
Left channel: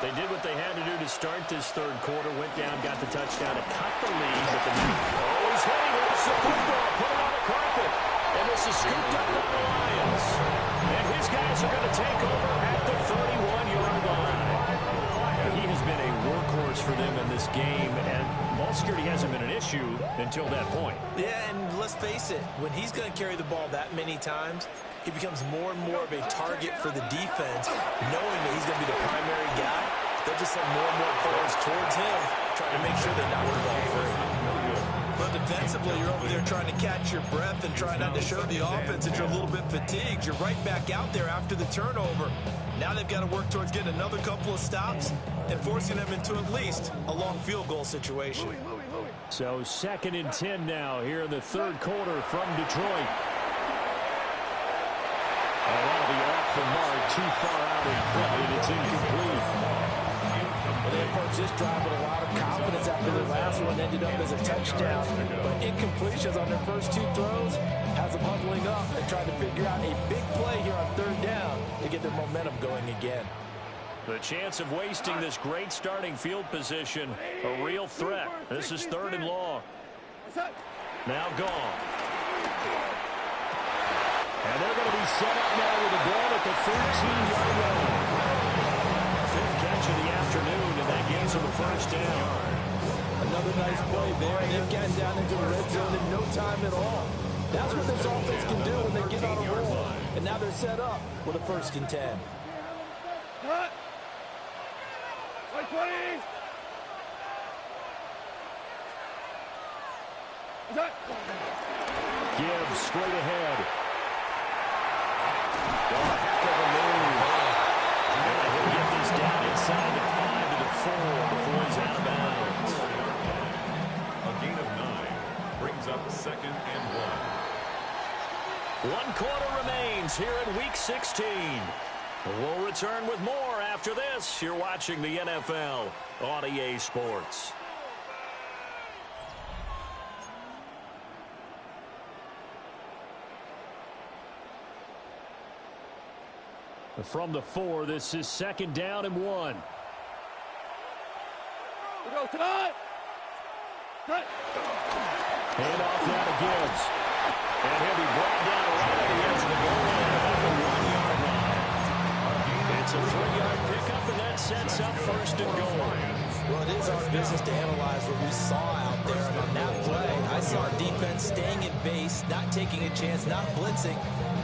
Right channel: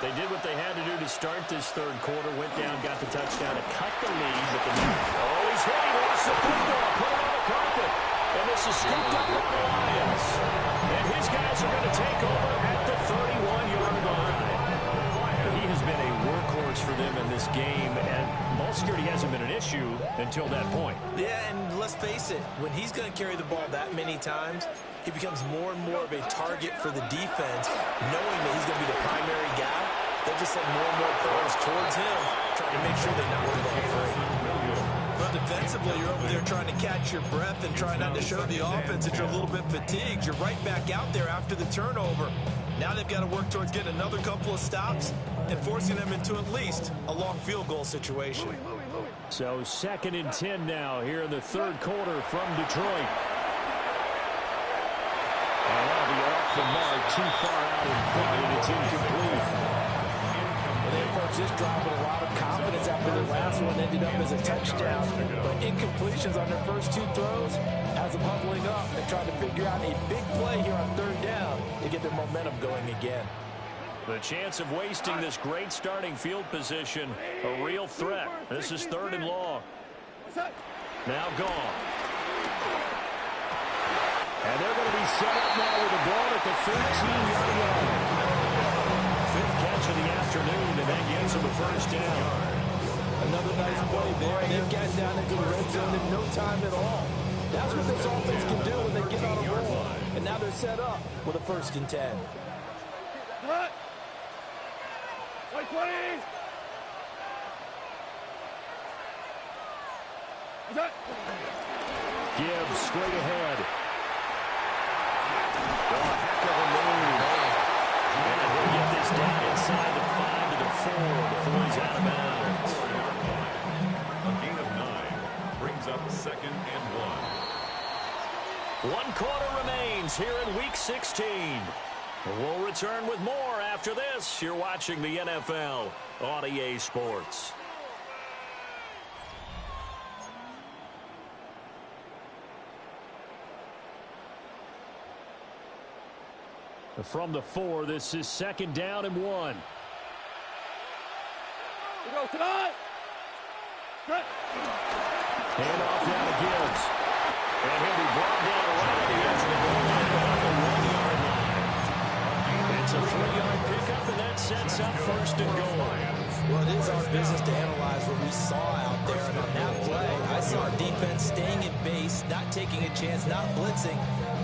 They did what they had to do to start this third quarter, went down, got the touchdown to cut the lead. But he's hit, he lost the football, put it on the carpet. And this is scooped up by the Lions. And his guys are going to take over at the 31-yard line. He has been a workhorse for them in this game, and ball security hasn't been an issue until that point. Yeah, and let's face it, when he's going to carry the ball that many times, he becomes more and more of a target for the defense, knowing that he's going to be the primary guy. They'll just send more and more players towards him, trying to make sure they knock the ball free. But defensively, you're over there trying to catch your breath and try not to show the offense that you're a little bit fatigued. You're right back out there after the turnover. Now they've got to work towards getting another couple of stops and forcing them into at least a long field goal situation. So 2nd and 10 now here in the third quarter from Detroit. And that'll be off the mark, too far out in front, and it's incomplete. Well, they approached this drive with a lot of confidence after their last one ended up as a touchdown. But incompletions on their first 2 throws has them huddling up and trying to figure out a big play here on 3rd down to get their momentum going again. The chance of wasting this great starting field position, a real threat. This is 3rd and long. Now gone. And they're going to be set up now with a ball at the 13-yard line. 5th catch of the afternoon, and that gets them a first down. Another nice play there. They've gotten down into the red zone in no time at all. That's what this offense can do when they get on a roll. And now they're set up with a 1st and 10. Cut! 120! Gibbs straight ahead. Oh, heck of a move. And he'll get this down inside the 5 to the 4 before he's out of bounds. A gain of 9 brings up 2nd and 1. 1 quarter remains here in Week 16. We'll return with more after this. You're watching the NFL on EA Sports. From the 4, this is 2nd down and 1. We go tonight. Cut. Hand off now to Gibbs. And he'll be brought down right at the edge of the goal line about the 1-yard line. It's a 3-yard pickup, and that sets up 1st and goal. Well, it is our business to analyze what we saw out there. And on that play, I saw defense staying in base, not taking a chance, not blitzing,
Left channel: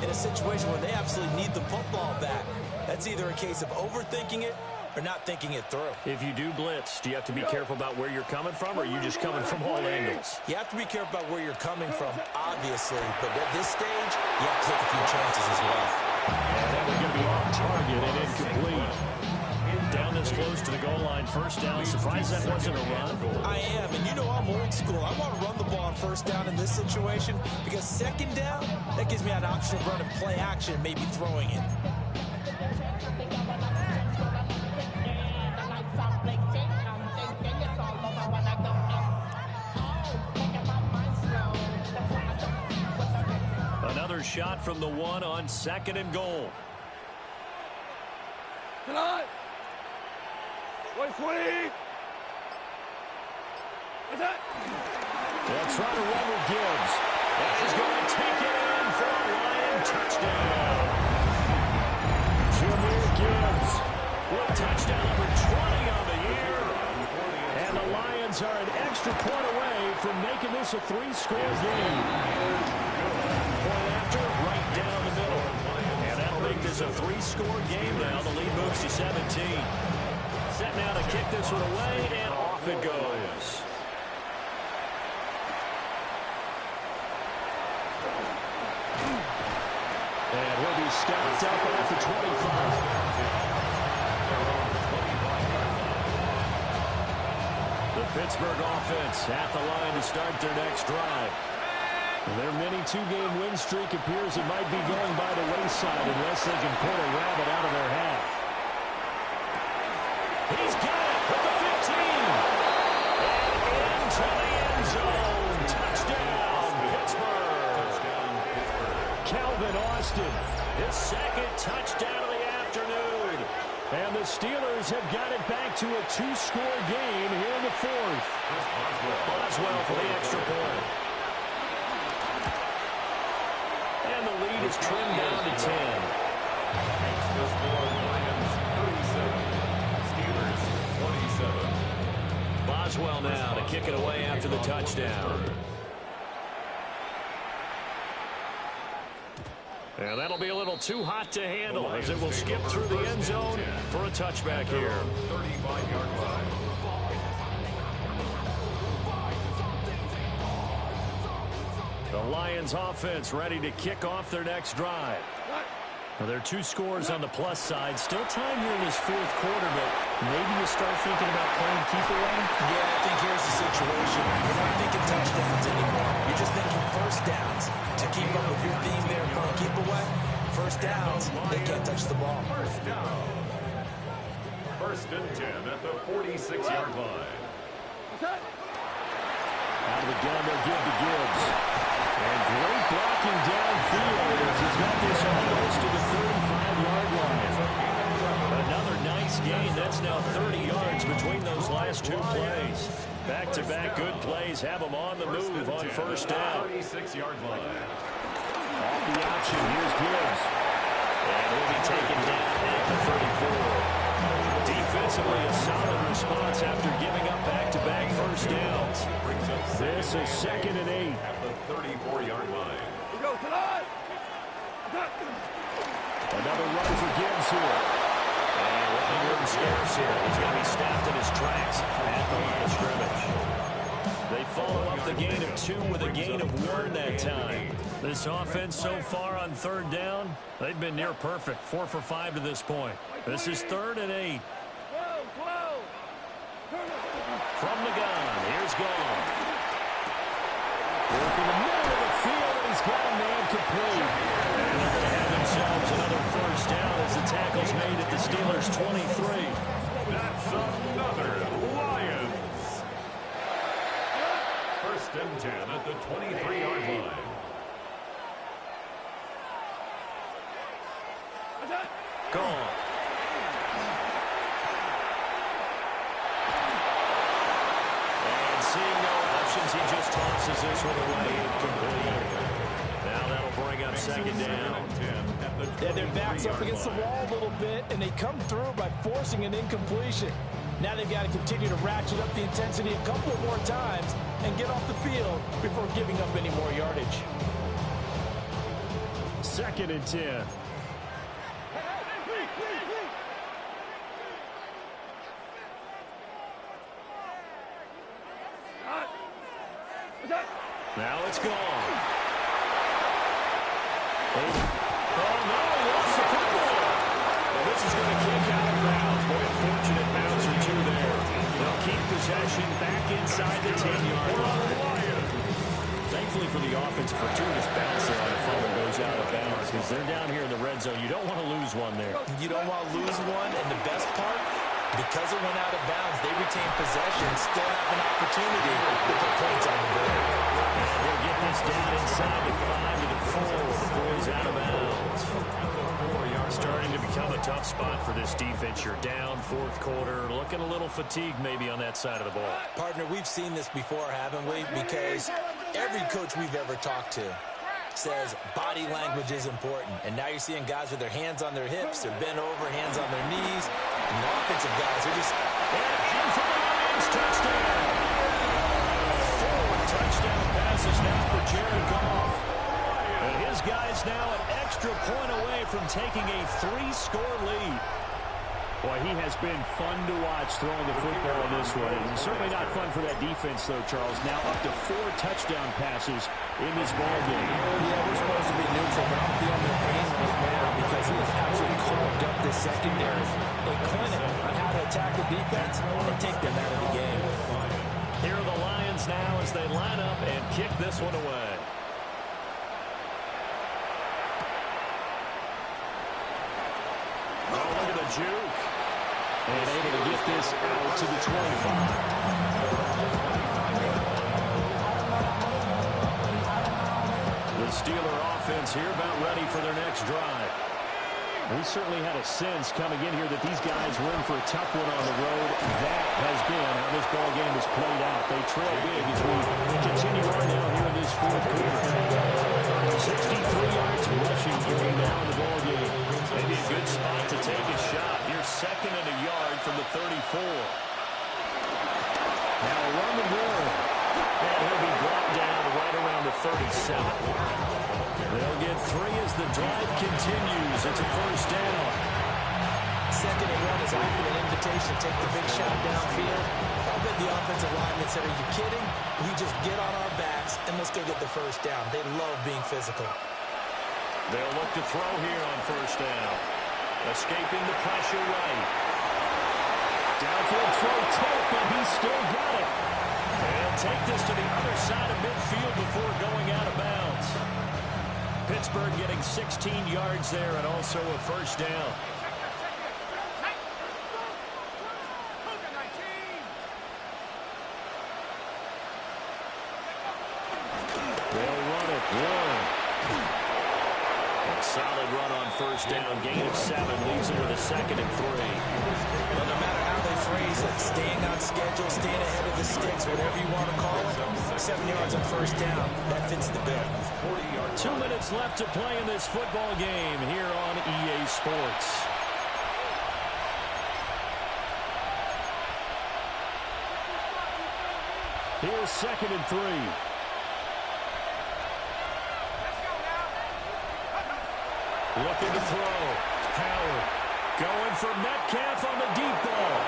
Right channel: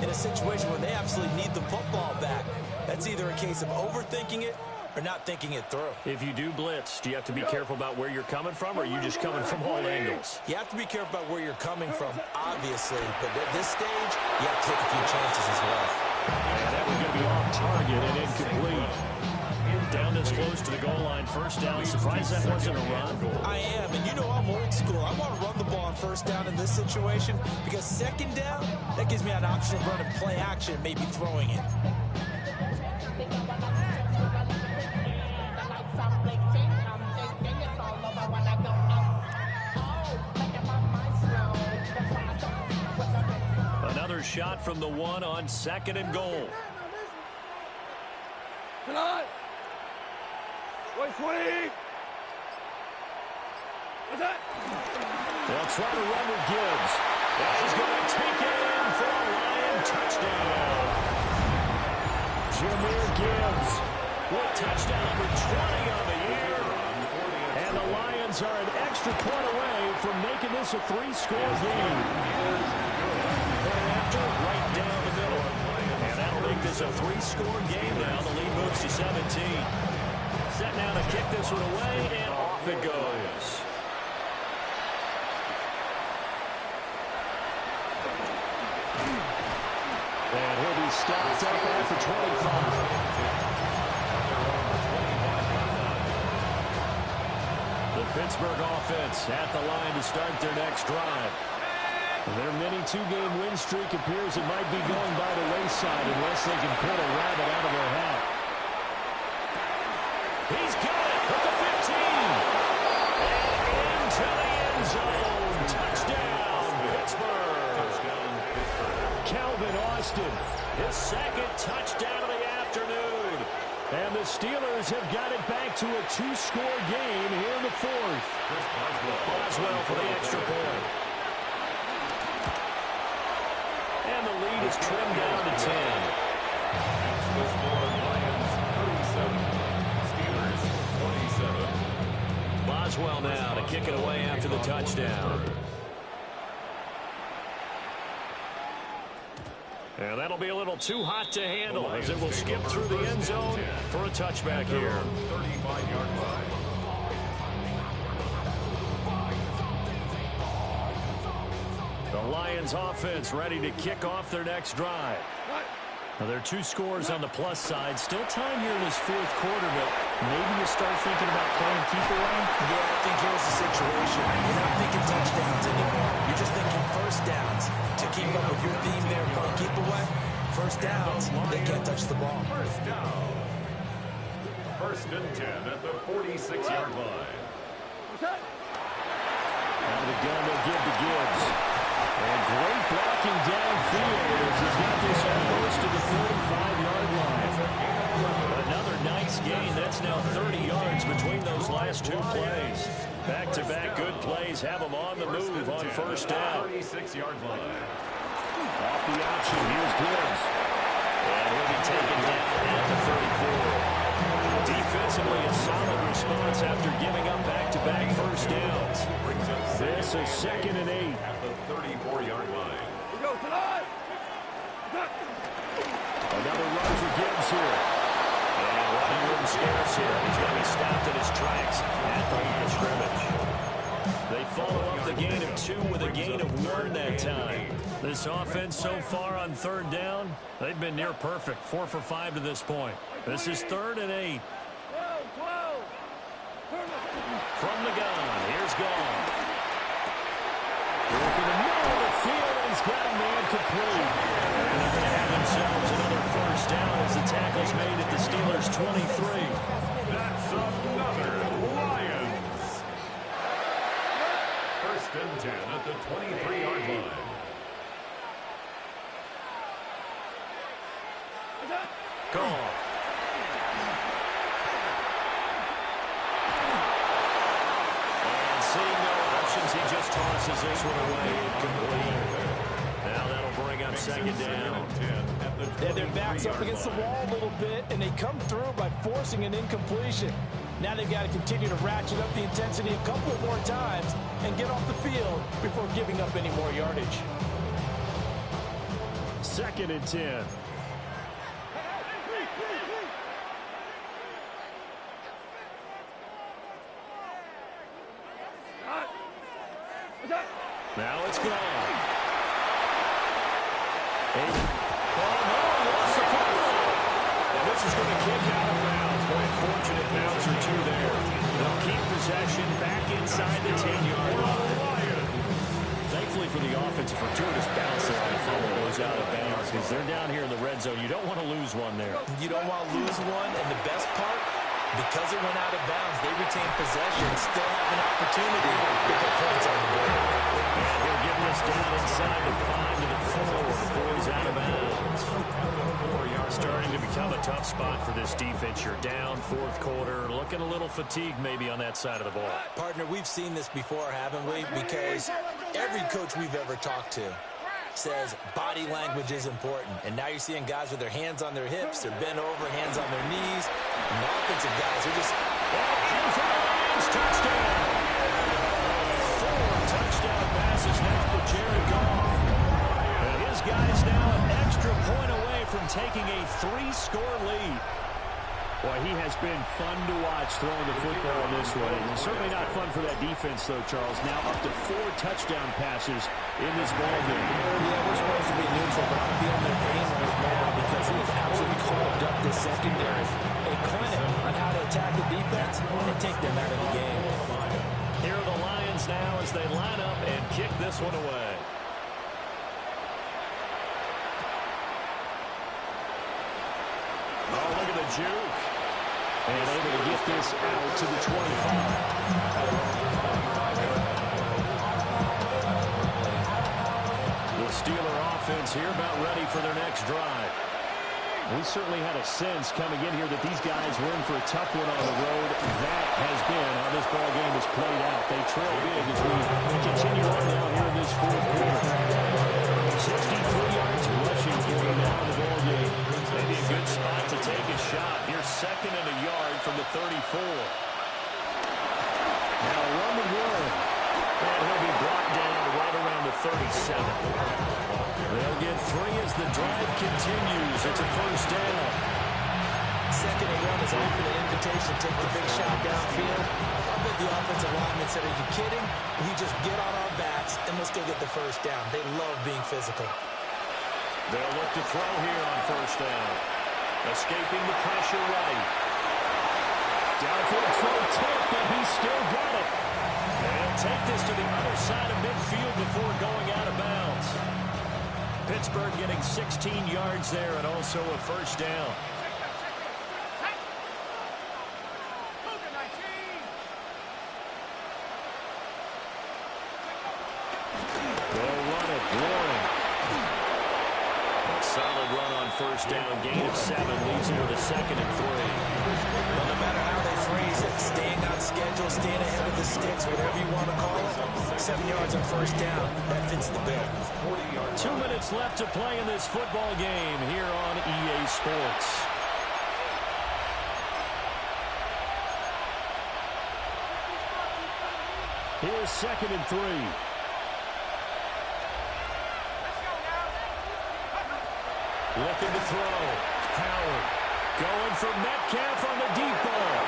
in a situation where they absolutely need the football back. That's either a case of overthinking it or not thinking it through. If you do blitz, do you have to be careful about where you're coming from, or are you just coming from all angles? You have to be careful about where you're coming from, obviously. But at this stage, you have to take a few chances as well. And that was going to be off target and incomplete. Down this close to the goal line, 1st down. Surprised that wasn't a run? I am, and you know I'm old school. I want to run the ball on 1st down in this situation because 2nd down, that gives me an option of running play action and maybe throwing it. Another shot from the 1 on 2nd and goal. Tonight. 120. What's that? They'll try to run with Gibbs. And he's going to take it in for a Lion touchdown. Jahmyr Gibbs with touchdown number 20 on the year. And the Lions are an extra point away from making this a 3-score game. Point after, right down the middle. And that'll make this a 3-score game now. The lead moves to 17. Set now to kick this one away, and off it goes. And he'll be stopped up at the 25. The Pittsburgh offense at the line to start their next drive. Their mini 2-game win streak appears it might be going by the wayside unless they can pull a rabbit out of their hat. He's got it at the 15. And into the end zone. Touchdown, Pittsburgh. Calvin Austin, his 2nd touchdown of the afternoon. And the Steelers have got it back to a 2-score game here in the 4th. Boswell for the extra point. And the lead is trimmed down to 10. The score, Lions 37, Steelers 27. Maxwell now to kick it away after the touchdown. And that'll be a little too hot to handle as it will skip through the end zone for a touchback here. 35-yard line. The Lions offense ready to kick off their next drive. Now, there are 2 scores on the plus side. Still time here in this fourth quarter, but maybe you start thinking about playing keep away? Yeah, I think here's the situation. You're not thinking touchdowns anymore. You're just thinking first downs. To keep up with your theme there, playing keep away, first downs, they can't touch the ball. First down. 1st and 10 at the 46-yard line. Out of the gun, they'll give to Gibbs. And great blocking downfield as he's got this almost to the 35-yard line. Another nice gain. That's now 30 yards between those last 2 plays. Back-to-back good plays have them on the move on first down. 36-yard line. Off the option, here's Gibbs. And he'll be taken down at the 34. Defensively, a solid response after giving up back-to-back first downs. This is 2nd and 8. At the 34-yard line. Another run for Gibbs here. And running room scarce here. He's going to be stopped in his tracks at the line of scrimmage. They follow up the gain of 2 with a gain of 1 that time. This offense so far on 3rd down, they've been near perfect. 4 for 5 to this point. This is 3rd and 8. From the gun, here's Goff. Working the middle of the field, and he's got a man complete. And they're going to have themselves another first down as the tackle's made at the Steelers' 23. That's another Lions. 1st and 10 at the 23-yard line. Goff. And seeing no options, he just tosses this one away incomplete. Now that'll bring up 2nd down. Yeah, their back's up against the wall a little bit, and they come through by forcing an incompletion. Now they've got to continue to ratchet up the intensity a couple of more times and get off the field before giving up any more yardage. 2nd and 10. Now it's gone. Oh, no, he lost the football. And this is going to kick out of bounds. Boy, a fortunate bounce or 2 there. They'll keep possession back inside the 10-yard line. Thankfully for the offense, a fortuitous bounce there on the fumble goes out of bounds because they're down here in the red zone. You don't want to lose one there. You don't want to lose one, and the best part, because it went out of bounds, they retain possession, still have an opportunity to put points on the board. And he'll get this down inside the 5 to the 4 before he's out of bounds. Starting to become a tough spot for this defense. You're down 4th quarter, looking a little fatigued maybe on that side of the ball. Partner, we've seen this before, haven't we? Because every coach we've ever talked to says body language is important. And now you're seeing guys with their hands on their hips, they're bent over, hands on their knees. And the offensive guys are just... And in for the Lions, touchdown! 4 touchdown passes now for Jared Goff. And his guys now an extra point away from taking a 3-score lead. Boy, he has been fun to watch throwing the football in this one. And certainly not fun for that defense, though, Charles. Now up to 4 touchdown passes in this ball game. Yeah, we're supposed to be neutral, but I'm feeling their pain right now because he has absolutely carved up this secondary. A clinic on how to attack the defense and take them out of the game. Here are the Lions now as they line up and kick this one away. Oh, look at the juke. And able to get this out to the 25. The Steeler offense here about ready for their next drive. We certainly had a sense coming in here that these guys were in for a tough one on the road. That has been how this ball game has played out. They trail big as we continue on now here in this 4th quarter. 63 yards rushing for him now in the ball game. Maybe a good spot to take a shot. Here's 2nd and a yard from the 34. Now a run with Warren. And he'll be brought down right around the 37. They'll get 3 as the drive continues. It's a first down. 2nd and 1 is often an invitation to take the big shot downfield. I bet the offensive lineman said, are you kidding? We just get on our backs and let's go get the first down. They love being physical. They'll look to throw here on first down. Escaping the pressure right. Downfield throw tight, but he's still got it. And he'll take this to the other side of midfield before going out of bounds. Pittsburgh getting 16 yards there and also a first down. They'll run it. Warren. A solid run on first down. Gain of 7 leaves him with a 2nd and 3. Well, no matter how they phrase it, staying on schedule, staying ahead of the sticks, whatever you want to call it, 7 yards on first down, that fits the bill. 2 minutes left to play in this football game here on EA Sports. Here's 2nd and 3. Looking to throw. Howard going for Metcalf on the deep ball.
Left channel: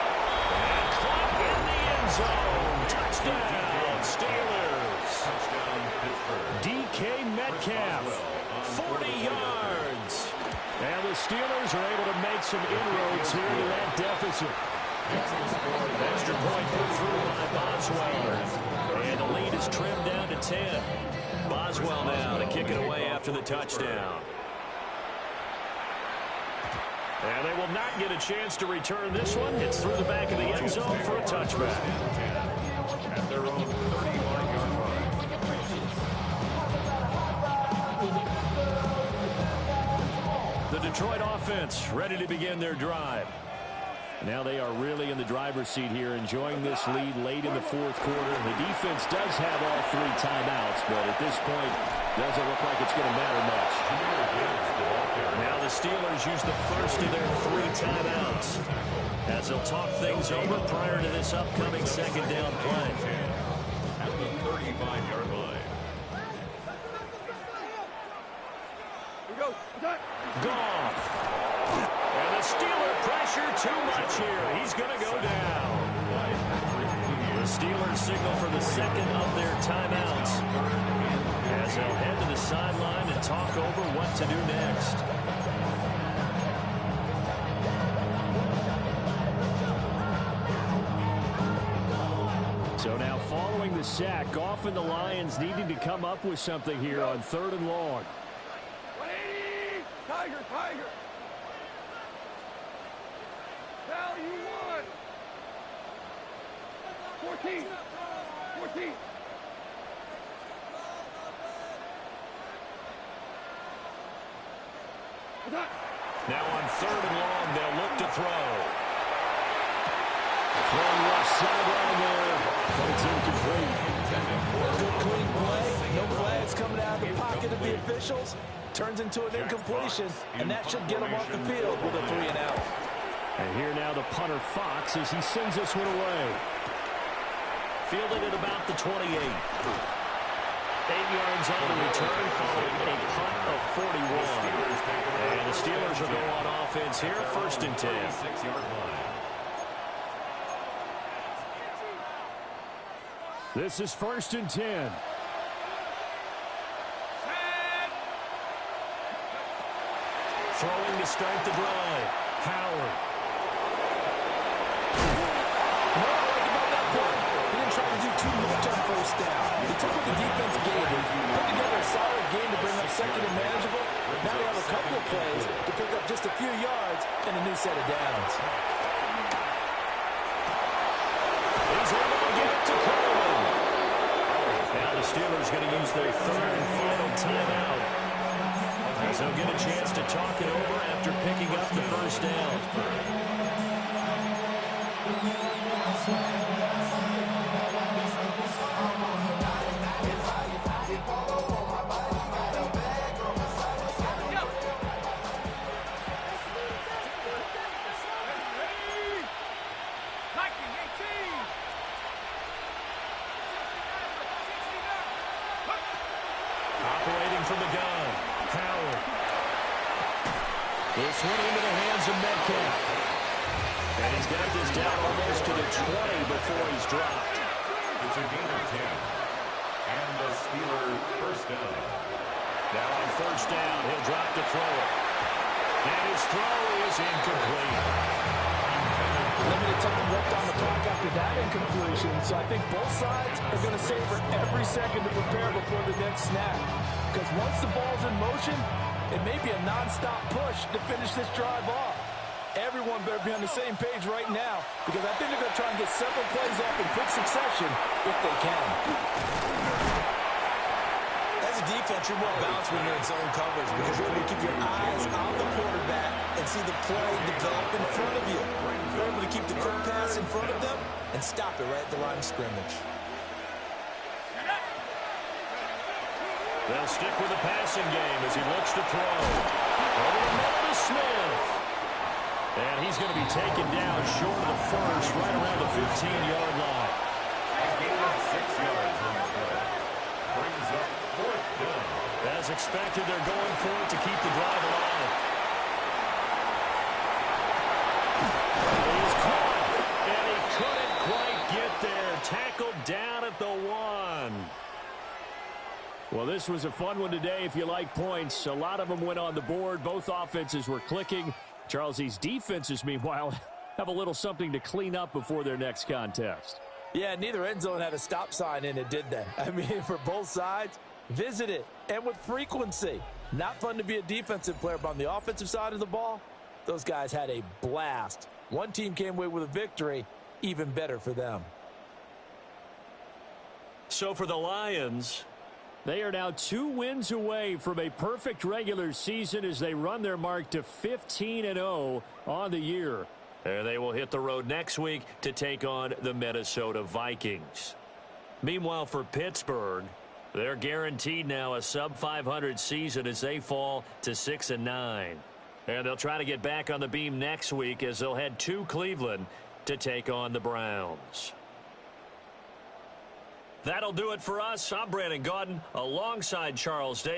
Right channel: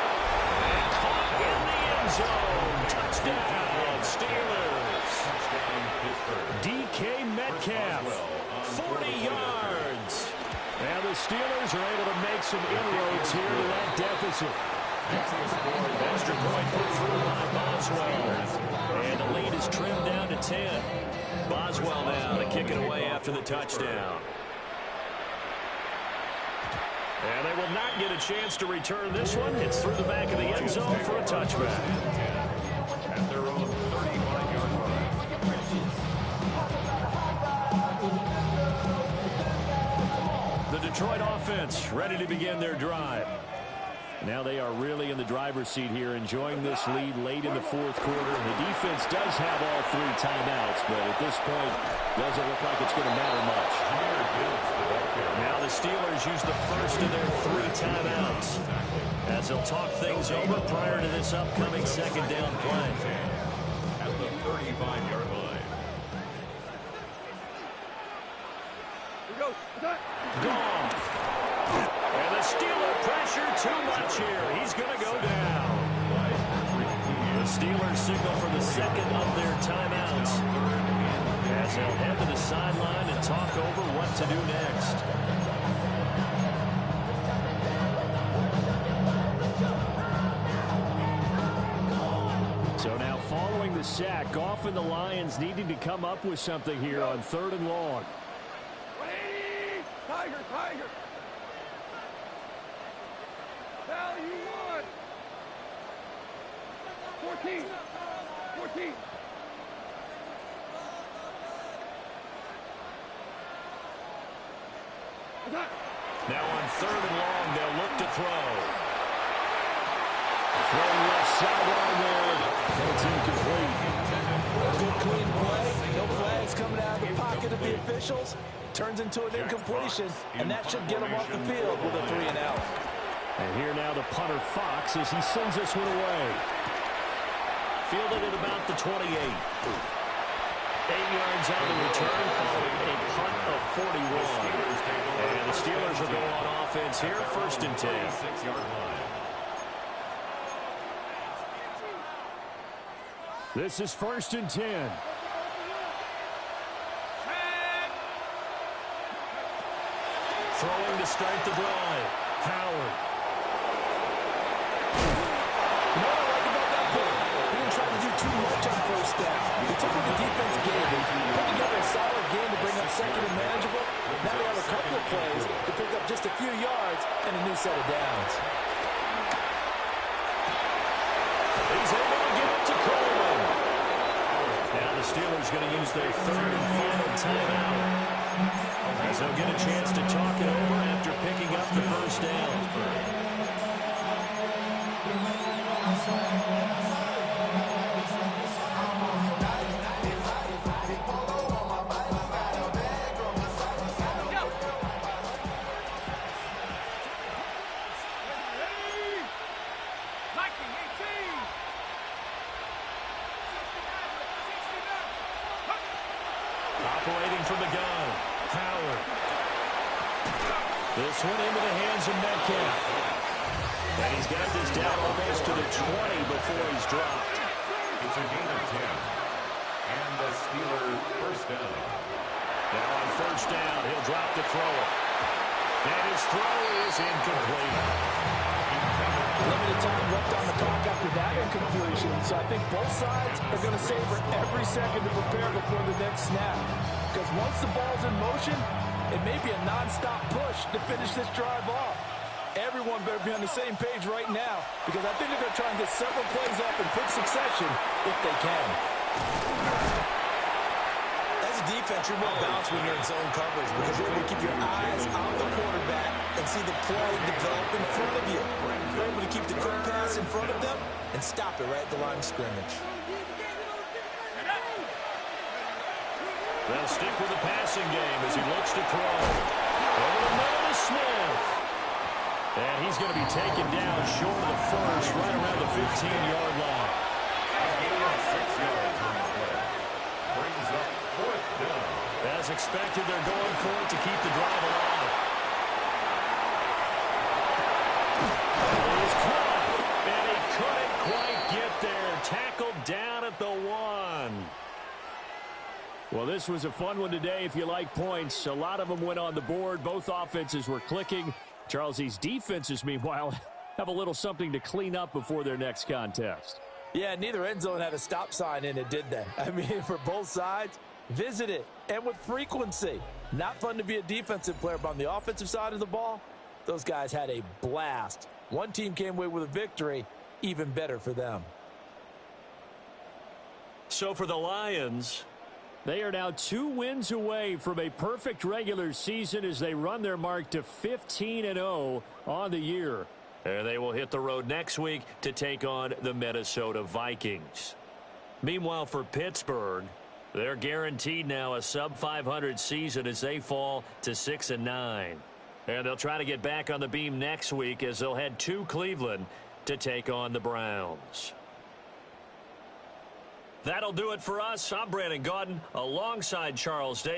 And caught in the end zone. Touchdown, Steelers. Touchdown, Pittsburgh. DK Metcalf, 40 yards. And the Steelers are able to make some inroads here to that deficit. Extra point put through by Boswell. And the lead is trimmed down to 10. Boswell now to kick it away after the touchdown. And they will not get a chance to return this one. It's through the back of the end zone for a touchback. At their own 35-yard line. The Detroit offense ready to begin their drive. Now they are really in the driver's seat here, enjoying this lead late in the 4th quarter. The defense does have all 3 timeouts, but at this point, doesn't look like it's going to matter much. Now the Steelers use the first of their 3 timeouts as they'll talk things over prior to this upcoming 2nd down play. At the 35-yard line. Here we go. Goff. And the Steeler pressure too much here. He's going to go down. The Steelers signal for the 2nd of their timeouts as they'll head to the sideline and talk over what to do next. So now following the sack, Goff and the Lions needing to come up with something here on 3rd and long. 180! Tiger, Tiger! Value 1! 14! 14! Now on 3rd and long, they'll look to throw. Throwing left sideline there, but it's incomplete. Good clean play. No flags coming out of the pocket of the officials. Turns into an incompletion, and that should get him off the field with a 3 and out. And here now the punter Fox as he sends this one away. Fielded at about the 28. 8 yards on the return following a punt of 41. And the Steelers will go on offense here, 1st and 10. 6-yard line. This is 1st and 10. Throwing to start the drive. Howard. You know what I like about that play? He didn't try to do too much on first down. He took what the defense gave him, put together a solid game to bring up 2nd and manageable. Now they have a couple of plays to pick up just a few yards and a new set of downs. He's able to get it to Coleman. Now the Steelers going to use their 3rd and final timeout, as they'll get a chance to talk it over after picking up the first down. from the gun. Howard. This one into the hands of Metcalf. And he's got this down almost to the 20 before he's dropped. It's a gain of 10. And the Steelers first down. Now on first down, he'll drop to throw it. And his throw is incomplete. Limited time left on the clock after that incompletion, so I think both sides are going to savor every second to prepare before the next snap. Because once the ball's in motion, it may be a nonstop push to finish this drive off. Everyone better be on the same page right now, because I think they're going to try and get several plays off in quick succession if they can. As a defense, you're more balanced when you're in zone coverage because you're able to keep your eyes on the quarterback and see the play develop in front of you. You're able to keep the quick pass in front of them and stop it right at the line of scrimmage. They'll stick with the passing game as he looks to throw. Over the middle to Smith. And he's going to be taken down short of the first, right around the 15-yard line. A gain of 6 yards on the play. Brings up fourth down. As expected, they're going for it to keep the drive alive. He's caught, and he couldn't quite get there. Tackled down at the 1. Well, this was a fun one today if you like points. A lot of them went on the board. Both offenses were clicking. Charles, these defenses, meanwhile, have a little something to clean up before their next contest. Yeah, neither end zone had a stop sign in it, did they? I mean, for both sides, visit it, and with frequency. Not fun to be a defensive player, but on the offensive side of the ball, those guys had a blast. One team came away with a victory, even better for them. So for the Lions, they are now 2 wins away from a perfect regular season as they run their mark to 15-0 on the year. And they will hit the road next week to take on the Minnesota Vikings. Meanwhile, for Pittsburgh, they're guaranteed now a sub-500 season as they fall to 6-9. And they'll try to get back on the beam next week as they'll head to Cleveland to take on the Browns. That'll do it for us. I'm Brandon Gaudin alongside Charles Davis.